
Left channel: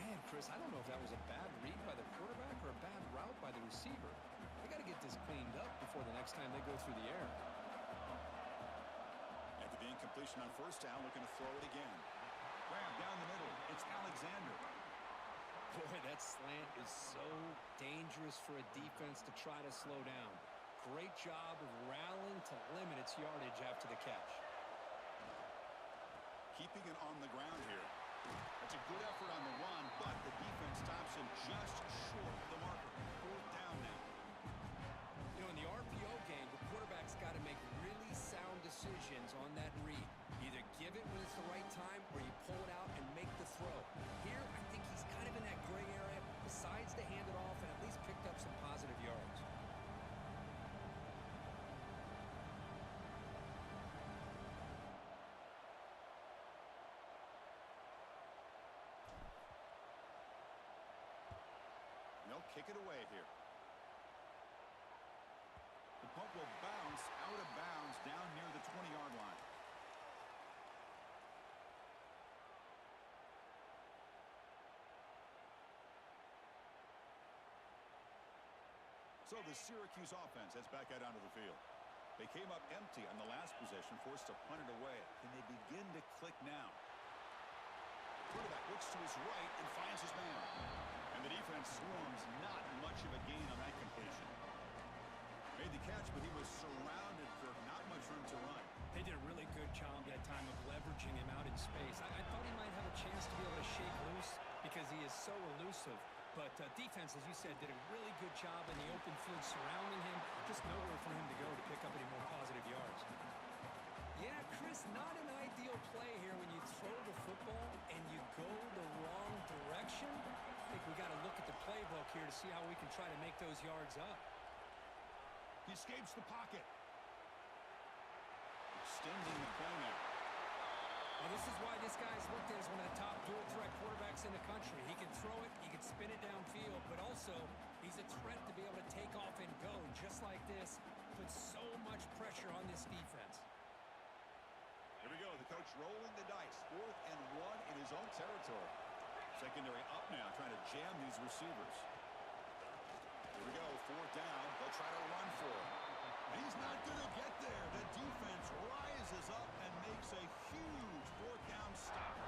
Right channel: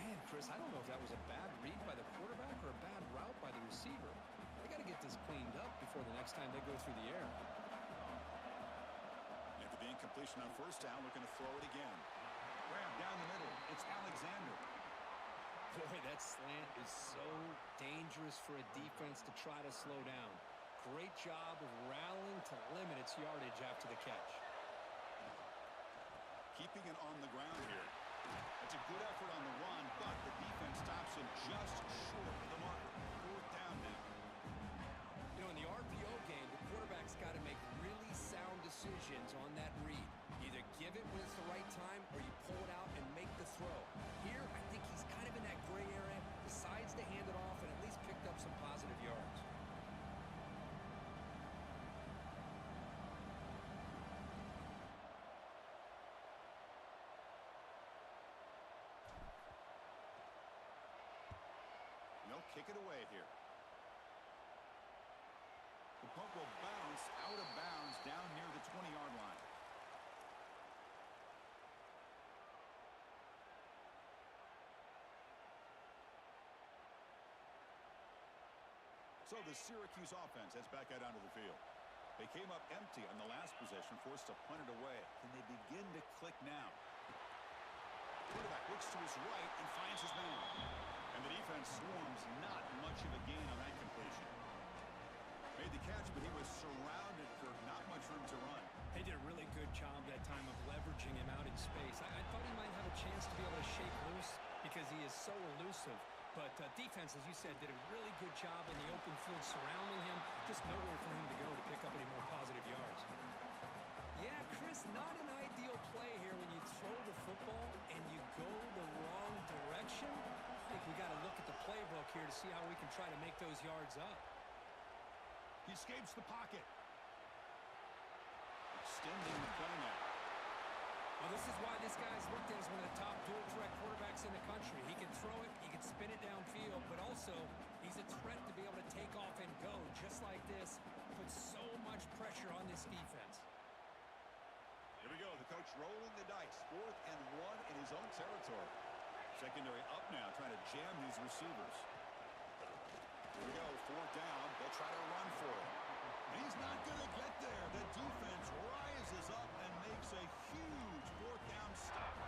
Man, Chris, I don't know if that was a bad read by the quarterback or a bad route by the receiver. They got to get this cleaned up before the next time they go through the air. After the incompletion on 1st down, looking to throw it again. Grab down the middle. It's Alexander. Boy, that slant is so dangerous for a defense to try to slow down. Great job of rallying to limit its yardage after the catch. Keeping it on the ground here. That's a good effort on the run, but the defense stops him just short of the marker. 4th down now. You know, in the RPO game, the quarterback's got to make really sound decisions on that read. Either give it when it's the right time or you pull it out and make the throw. Here, I think he's kind of in that gray area, decides to hand it off and at least picked up some positive yards. They'll kick it away here. The punt will bounce out of bounds down near the 20-yard line. So the Syracuse offense heads back out onto the field. They came up empty on the last possession, forced to punt it away. Can they begin to click now? Quarterback looks to his right and finds his man. And the defense swarms, not much of a gain on that completion. Made the catch, but he was surrounded for not much room to run. They did a really good job that time of leveraging him out in space. I thought he might have a chance to be able to shake loose because he is so elusive. But defense, as you said, did a really good job in the open field surrounding him. Just nowhere for him to go to pick up any more positive yards. Yeah, Chris, not an ideal play here when you throw the football and you go the wrong direction. I think we got to look at the playbook here to see how we can try to make those yards up. He escapes the pocket. Extending the play now. Well, this is why this guy's looked at as one of the top dual-threat quarterbacks in the country. He can throw it, he can spin it downfield, but also he's a threat to be able to take off and go just like this. Puts so much pressure on this defense. Here we go, the coach rolling the dice. 4th and 1 in his own territory. Secondary up now, trying to jam these receivers. Here we go, 4th down. They'll try to run for it. And he's not going to get there. The defense rises up and makes a huge 4th down stop.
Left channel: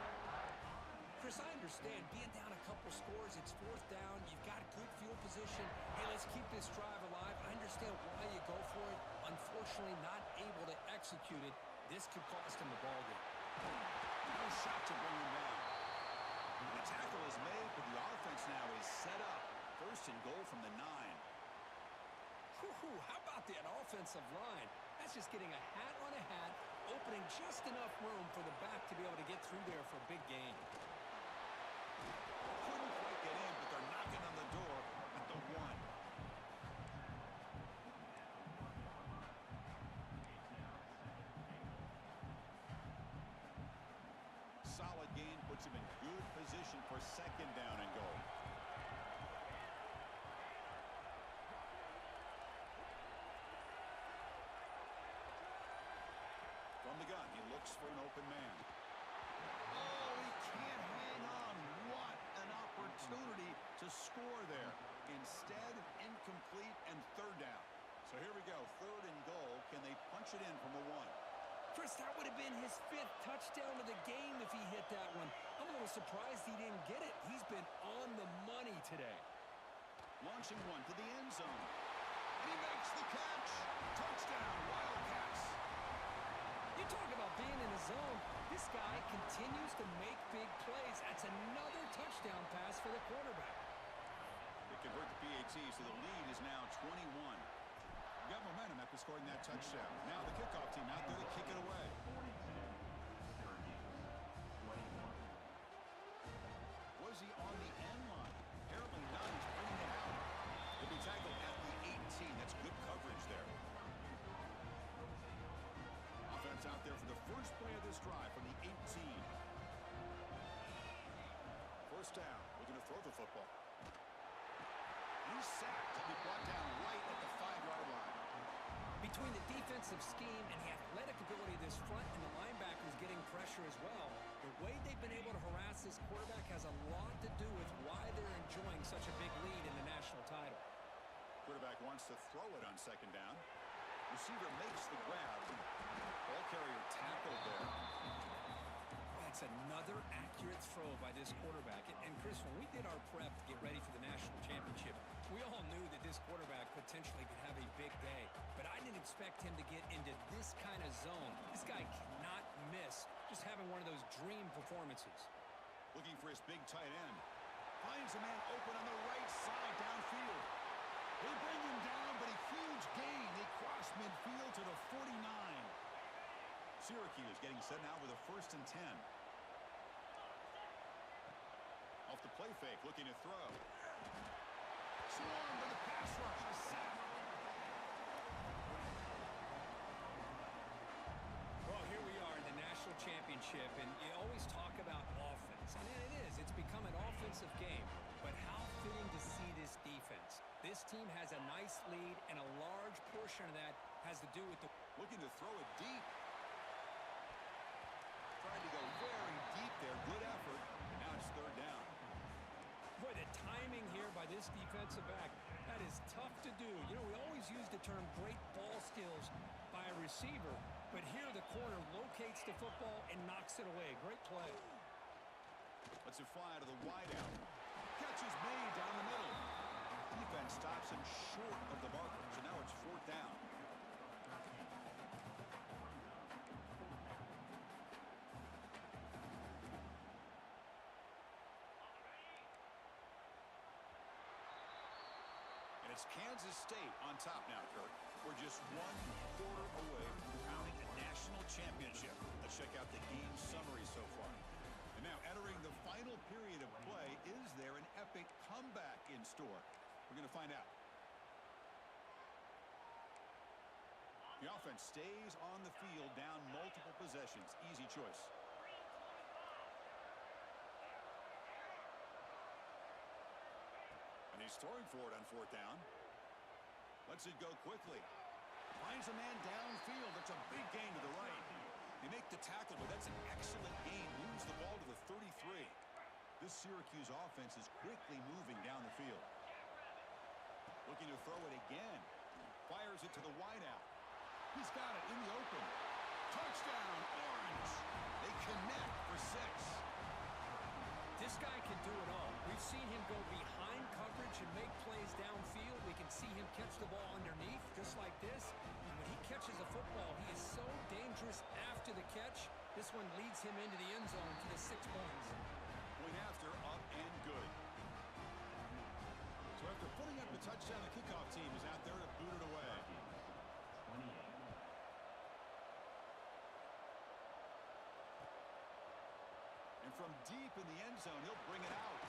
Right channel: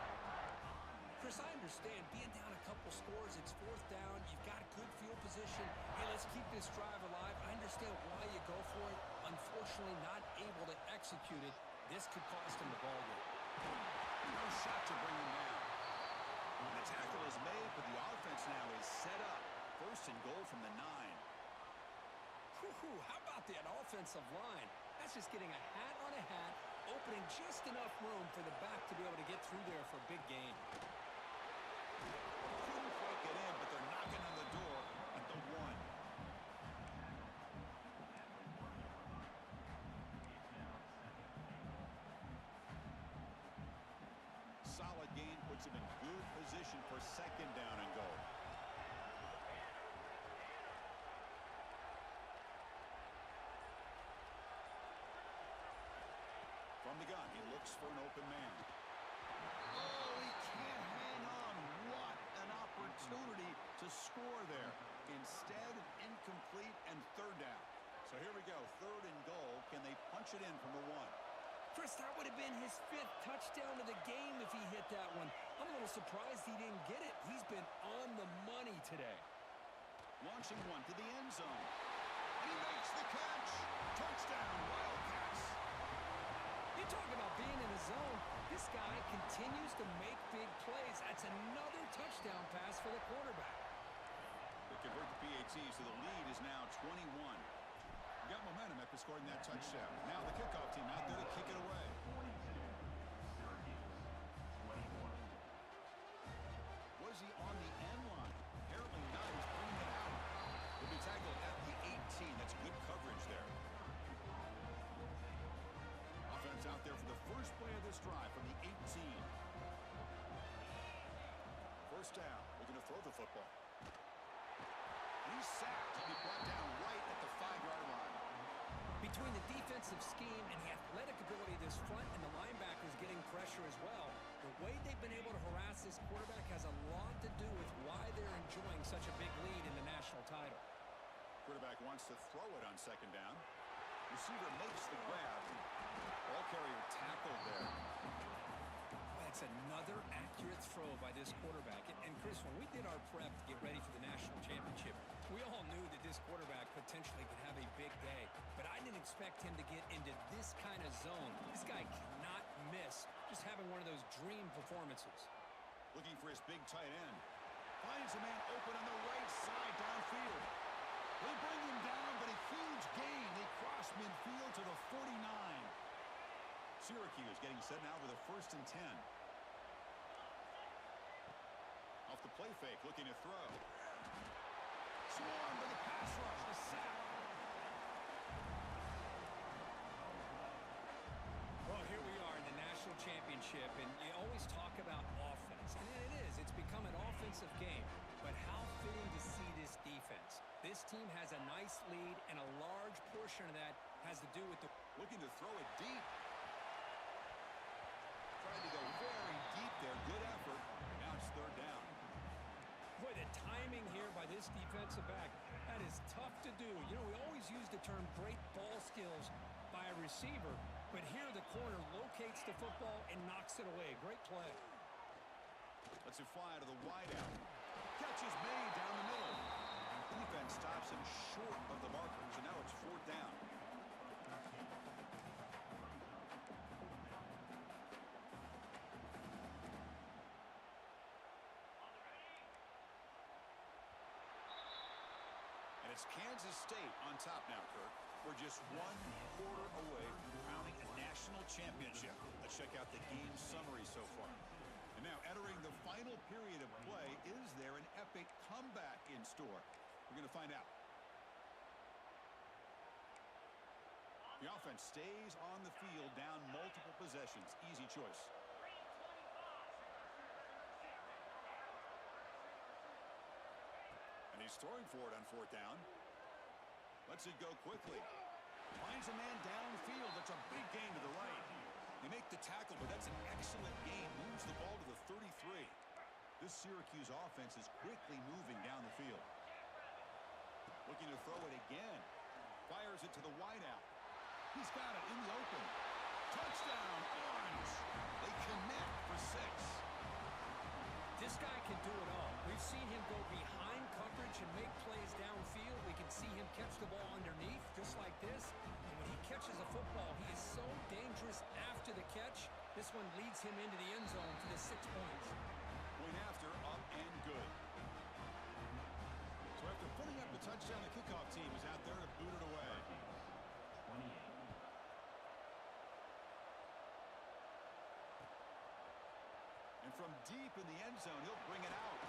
Chris, I understand being down a couple scores, it's fourth down, you've got good field position. Hey, let's keep this drive alive. I understand why you go for it. Unfortunately, not able to execute it. This could cost him the ball game. No shot to bring him down. And the tackle is made, but the offense now is set up. First and goal from the 9. Whew, how about that offensive line? That's just getting a hat on a hat, opening just enough room for the back to be able to get through there for a big gain. Couldn't quite get in, but they're knocking on the door at the 1. Solid gain puts him in good position for second down and goal. From the gun, he looks for an open man. Oh, he can't hang on. What an opportunity to score there. Instead, incomplete and third down. So here we go, third and goal. Can they punch it in from the 1? Chris, that would have been his 5th touchdown of the game if he hit that one. I'm a little surprised he didn't get it. He's been on the money today. Launching one to the end zone. And he makes the catch. Touchdown, Wildcats. You talk about being in a zone. This guy continues to make big plays. That's another touchdown pass for the quarterback. They convert the PAT, so the lead is now 21. Got momentum after scoring that touchdown. Now the kickoff team out there to kick it away. Was he on the end line? Apparently not. He's bringing it out. He'll be tackled at the 18. That's good coverage there. Offense out there for the first play of this drive from the 18. First down. Looking to throw the football. And he's sacked. He'll be brought down right at the 5-yard line. Between the defensive scheme and the athletic ability of this front and the linebackers getting pressure as well, the way they've been able to harass this quarterback has a lot to do with why they're enjoying such a big lead in the national title. Quarterback wants to throw it on second down. Receiver makes the grab. Ball carrier tackled there. That's another accurate throw by this quarterback. And Chris, when we did our prep to get ready for the national championship, we all knew that this quarterback potentially could have a big day. But I didn't expect him to get into this kind of zone. This guy cannot miss just having one of those dream performances. Looking for his big tight end. Finds a man open on the right side downfield. They bring him down, but a huge gain. They cross midfield to the 49. Syracuse getting set now with a 1st and 10. Off the play fake, looking to throw. Swarmed by the pass rush, a sack. Well, here we are in the national championship, and you always talk about offense, and it is. It's become an offensive game, but how fitting to see this defense. This team has a nice lead, and a large portion of that has to do with the... Looking to throw it deep. Tried to go very deep there, good effort, and now it's third down. Boy, the timing here by this defensive back, that is tough to do. You know, we always use the term great ball skills by a receiver, but here the corner locates the football and knocks it away. Great play. Lets it fly to the wideout. Catch is made down the middle. Defense stops him short of the marker, so now it's 4th down. And it's Kansas State on top now, Kirk. We're just 1 quarter away from crowning a national championship. Let's check out the game summary so far. And now entering the final period of play, is there an epic comeback in store? We're going to find out. The offense stays on the field, down multiple possessions. Easy choice. And he's throwing for it on 4th down. Lets it go quickly. Finds a man downfield. That's a big gain to the right. They make the tackle, but that's an excellent gain. Moves the ball to the 33. This Syracuse offense is quickly moving down the field. Looking to throw it again. Fires it to the wideout. He's got it in the open. Touchdown, Orange. They connect for 6. This guy can do it all. We've seen him go behind coverage and make plays downfield. We can see him catch the ball underneath, just like this. And when he catches a football, he is so dangerous after the catch. This one leads him into the end zone for the 6 points. Point after, up and good. So after putting up the touchdown, the kickoff team is out there to boot it away. 28. And from deep in the end zone, he'll bring it out.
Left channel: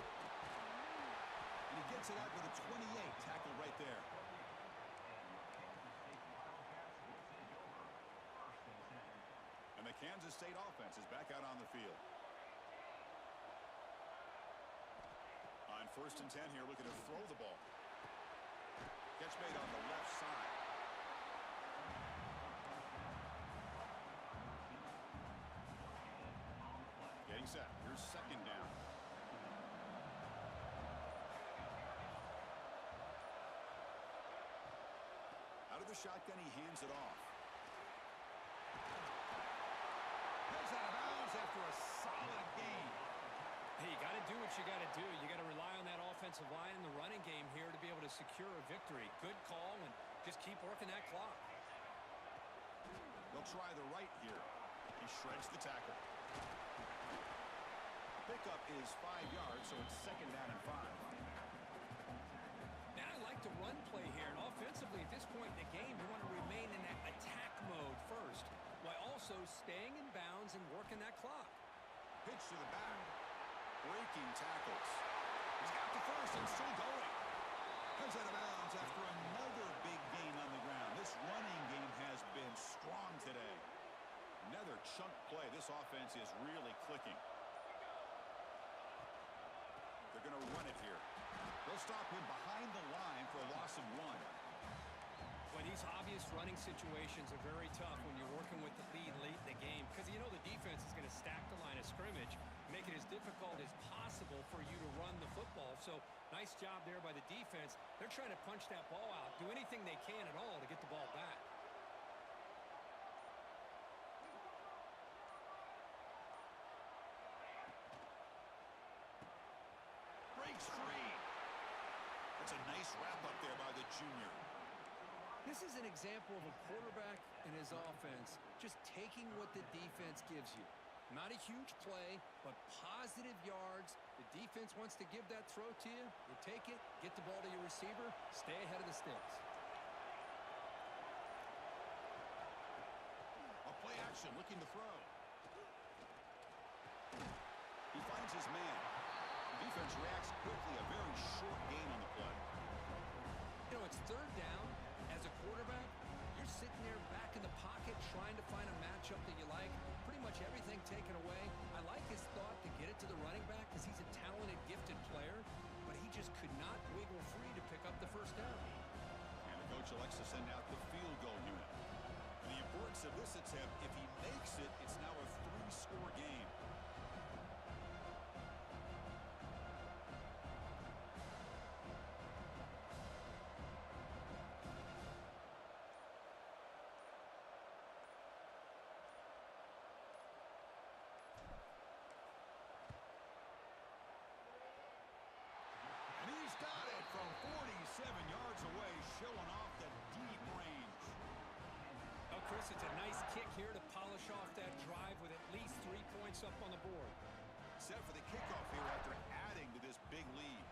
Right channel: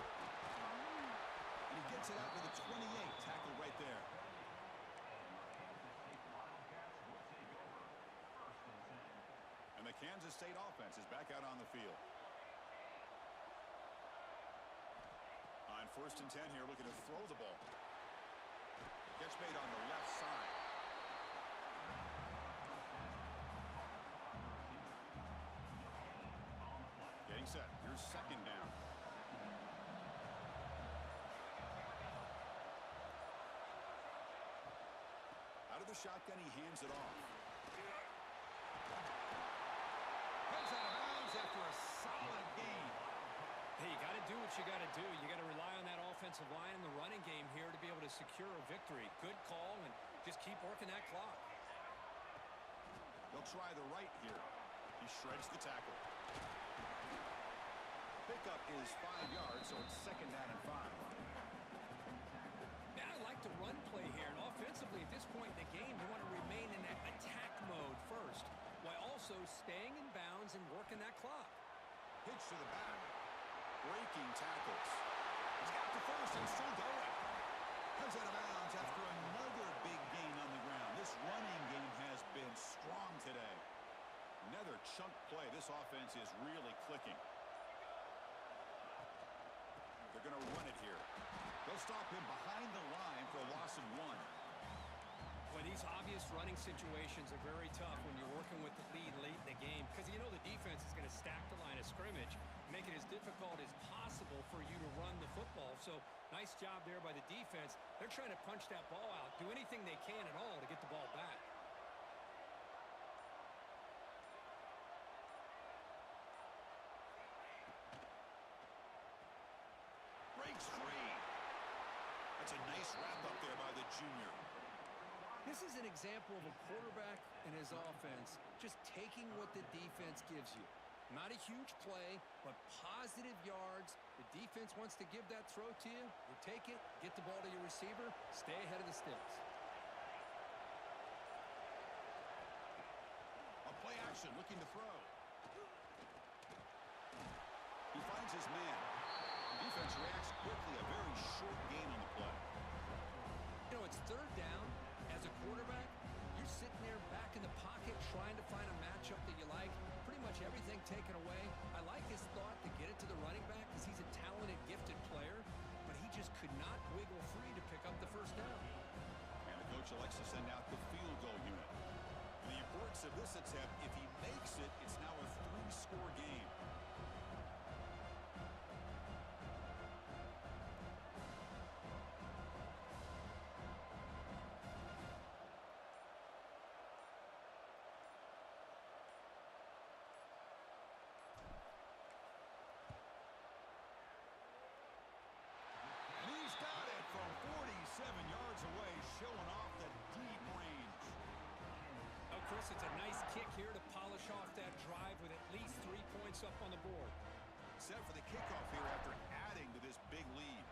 And he gets it out to the 28. Tackled right there. And the Kansas State offense is back out on the field. On 1st and 10 here, looking to throw the ball. Catch made on the left side. Getting set. Here's 2nd down. Out of the shotgun, he hands it off. Heads out of bounds after a solid gain. Hey, you got to do what you got to do. You got to rely on that offensive line in the running game here to be able to secure a victory. Good call, and just keep working that clock. They'll try the right here. He shreds the tackle. Pickup is 5 yards, so it's 2nd down and 5. Now I like the run play here, and offensively at this point in the game, you want to remain in that attack mode first, while also staying in bounds and working that clock. Pitch to the back. Breaking tackles. He's got the first and still going. Comes out of bounds after another big gain on the ground. This running game has been strong today. Another chunk play. This offense is really clicking. They're going to run it here. They'll stop him behind the line for a loss of 1. Well, these obvious running situations are very tough when you're working with the lead late in the game because you know the defense is going to stack the line of scrimmage, make it as difficult as possible for you to run the football. So nice job there by the defense. They're trying to punch that ball out, do anything they can at all to get the ball back. Breaks free. That's a nice wrap up there by the junior. This is an example of a quarterback and his offense just taking what the defense gives you. Not a huge play, but positive yards. The defense wants to give that throw to you. You take it, get the ball to your receiver, stay ahead of the sticks. A play action looking to throw. He finds his man. The defense reacts quickly. A very short gain on the play. You know, it's 3rd down. As a quarterback, you're sitting there back in the pocket trying to find a matchup that you like. Pretty much everything taken away. I like his thought to get it to the running back because he's a talented, gifted player, but he just could not wiggle free to pick up the 1st down. And the coach elects to send out the field goal unit. And the importance of this attempt, if he makes it, it's now a 3-score game. Got it from 47 yards away, showing off the deep range. Oh, Chris, it's a nice kick here to polish off that drive with at least 3 points up on the board. Set for the kickoff here after adding to this big lead.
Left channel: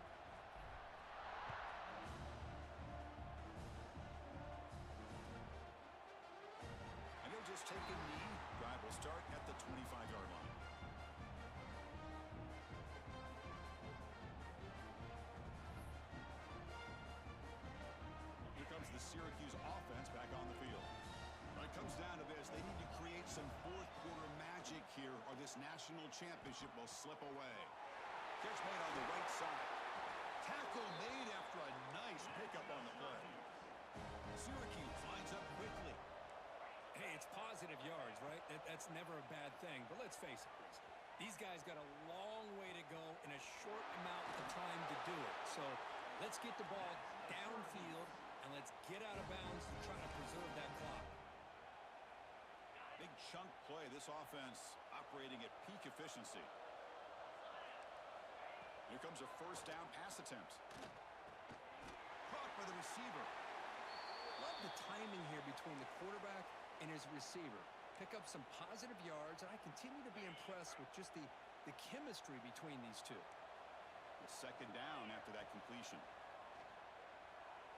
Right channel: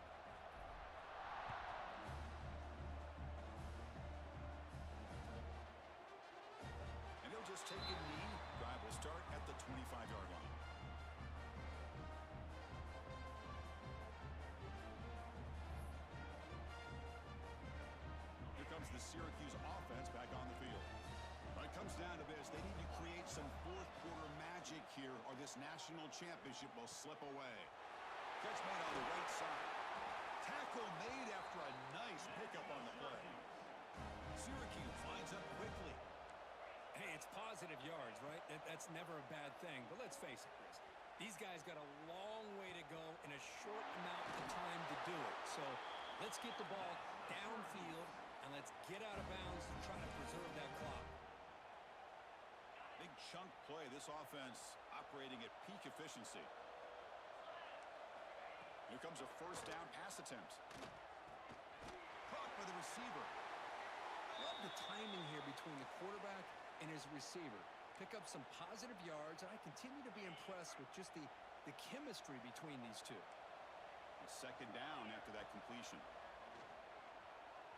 And they'll just take a knee. Drive will start at the 25-yard line. The Syracuse offense back on the field. When it comes down to this, they need to create some 4th-quarter magic here or this national championship will slip away. Catch made on the right side. Tackle made after a nice pickup on the play. Syracuse lines up quickly. Hey, it's positive yards, right? That's never a bad thing. But let's face it, Chris. These guys got a long way to go in a short amount of time to do it. So let's get the ball downfield and let's get out of bounds to try to preserve that clock. Big chunk play. This offense operating at peak efficiency. Here comes a first down pass attempt. Caught by the receiver. Love the timing here between the quarterback and his receiver. Pick up some positive yards, and I continue to be impressed with just the chemistry between these two. A second down after that completion.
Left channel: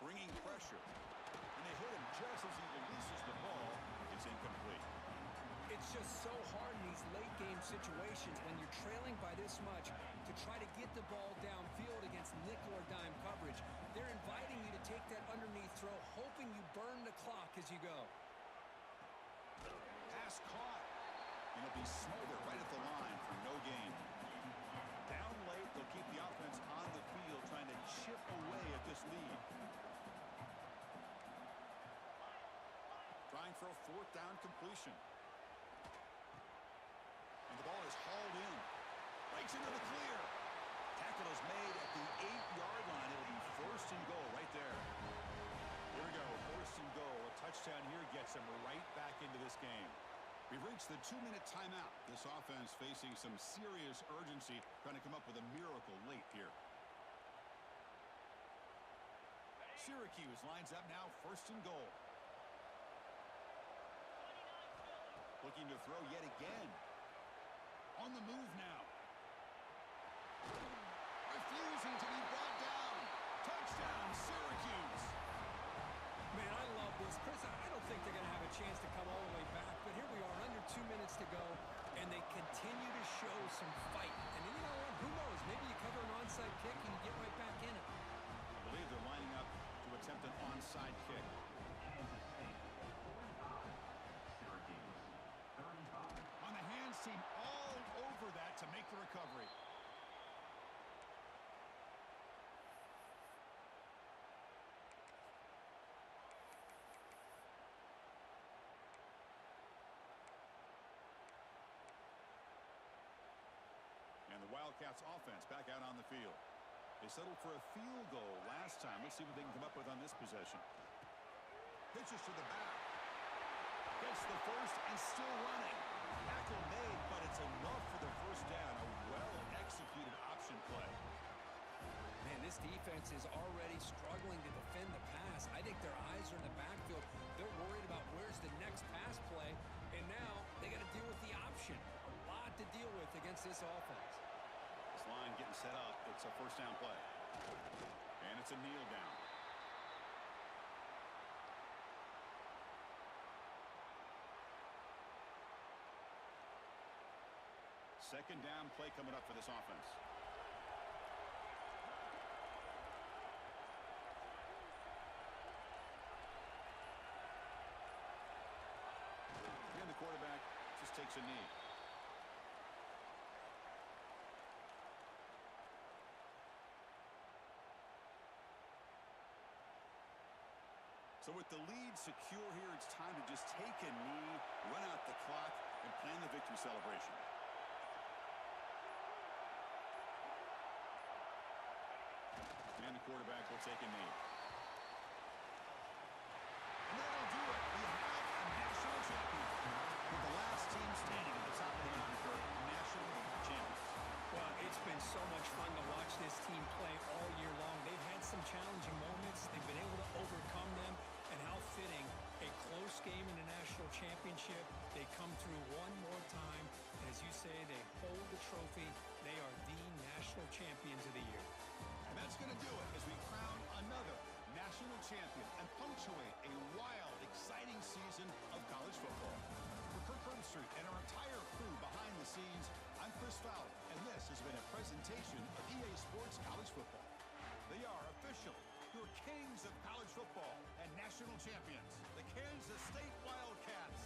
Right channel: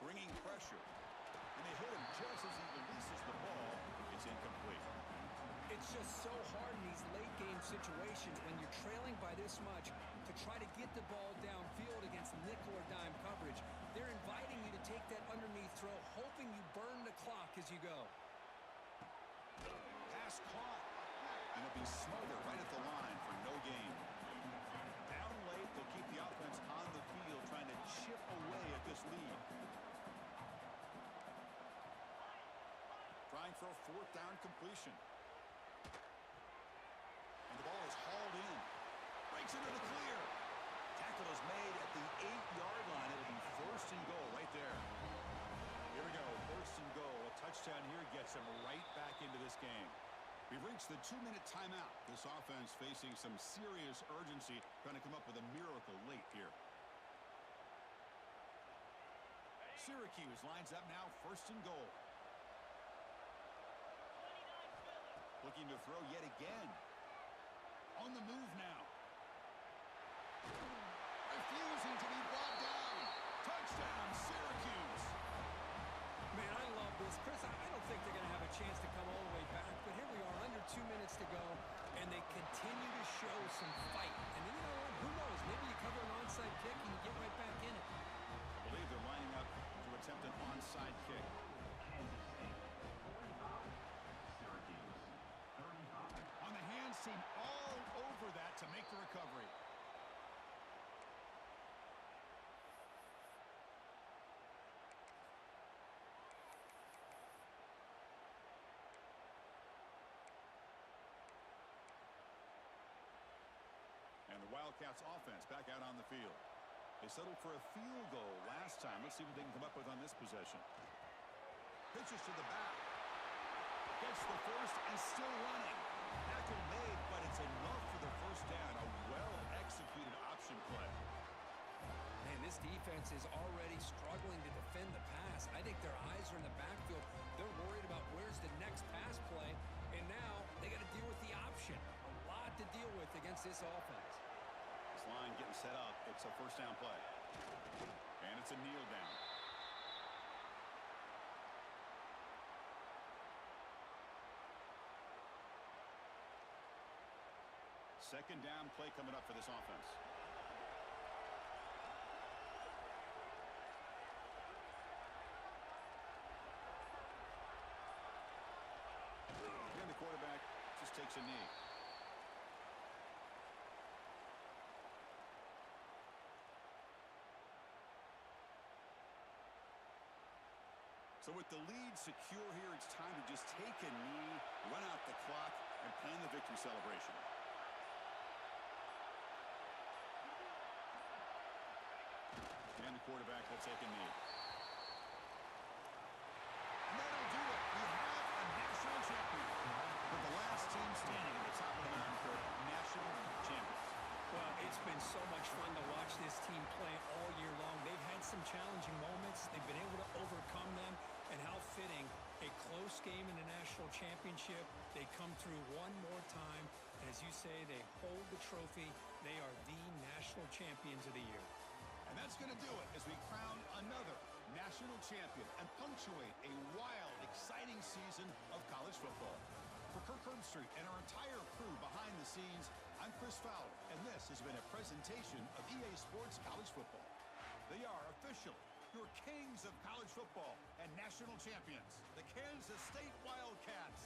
Bringing pressure. And they hit him just as he releases the ball. It's incomplete. It's just so hard in these late-game situations when you're trailing by this much to try to get the ball downfield against nickel or dime coverage. They're inviting you to take that underneath throw, hoping you burn the clock as you go. Pass caught. And it'll be smothered right at the line for no gain. Down late, they'll keep the offense on the field trying to chip away at this lead. Trying for a fourth down completion. And the ball is hauled in. Breaks into the clear. Tackle is made at the 8-yard line. It'll be first and goal right there. Here we go, first and goal. A touchdown here gets them right back into this game. We've reached the 2-minute timeout. This offense facing some serious urgency, trying to come up with a miracle late here. Syracuse lines up now, first and goal. Looking to throw yet again. On the move now. Refusing to be brought down. Touchdown, Syracuse. Man, I love this. Chris, I don't think they're going to have a chance to come all the way back, but here we are, under 2 minutes to go, and they continue to show some fight. And then, you know what? Who knows? Maybe you cover an onside kick and you get right back in it. I believe they're lining up to attempt an onside kick. Kansas State 45, Syracuse 35. On the hands team, all over that to make the recovery. And the Wildcats offense back out on the field. They settled for a field goal last time. Let's see what they can come up with on this possession. Pitches to the back. Gets the first and still running. Tackle made, but it's enough for the first down. A well-executed option play. Man, this defense is already struggling to defend the pass. I think their eyes are in the backfield. They're worried about where's the next pass play, and now they got to deal with the option. A lot to deal with against this offense. This line getting set up. It's a first down play. And it's a kneel down. Second down play coming up for this offense. And the quarterback just takes a knee. So with the lead secure here, it's time to just take a knee, run out the clock, and plan the victory celebration. And the quarterback will take a knee. And that'll do it. We have a national champion. With the last team standing at the top of the mountain for national champions. Well, it's been so much fun to watch this team play all year long. They've had some challenging moments. They've been able to overcome them. And how fitting, a close game in the national championship. They come through one more time. And as you say, they hold the trophy. They are the national champions of the year. And that's going to do it as we crown another national champion and punctuate a wild, exciting season of college football. For Kirk Herbstreit and our entire crew behind the scenes, I'm Chris Fowler, and this has been a presentation of EA Sports College Football. They are officially your kings of college football and national champions, the Kansas State Wildcats.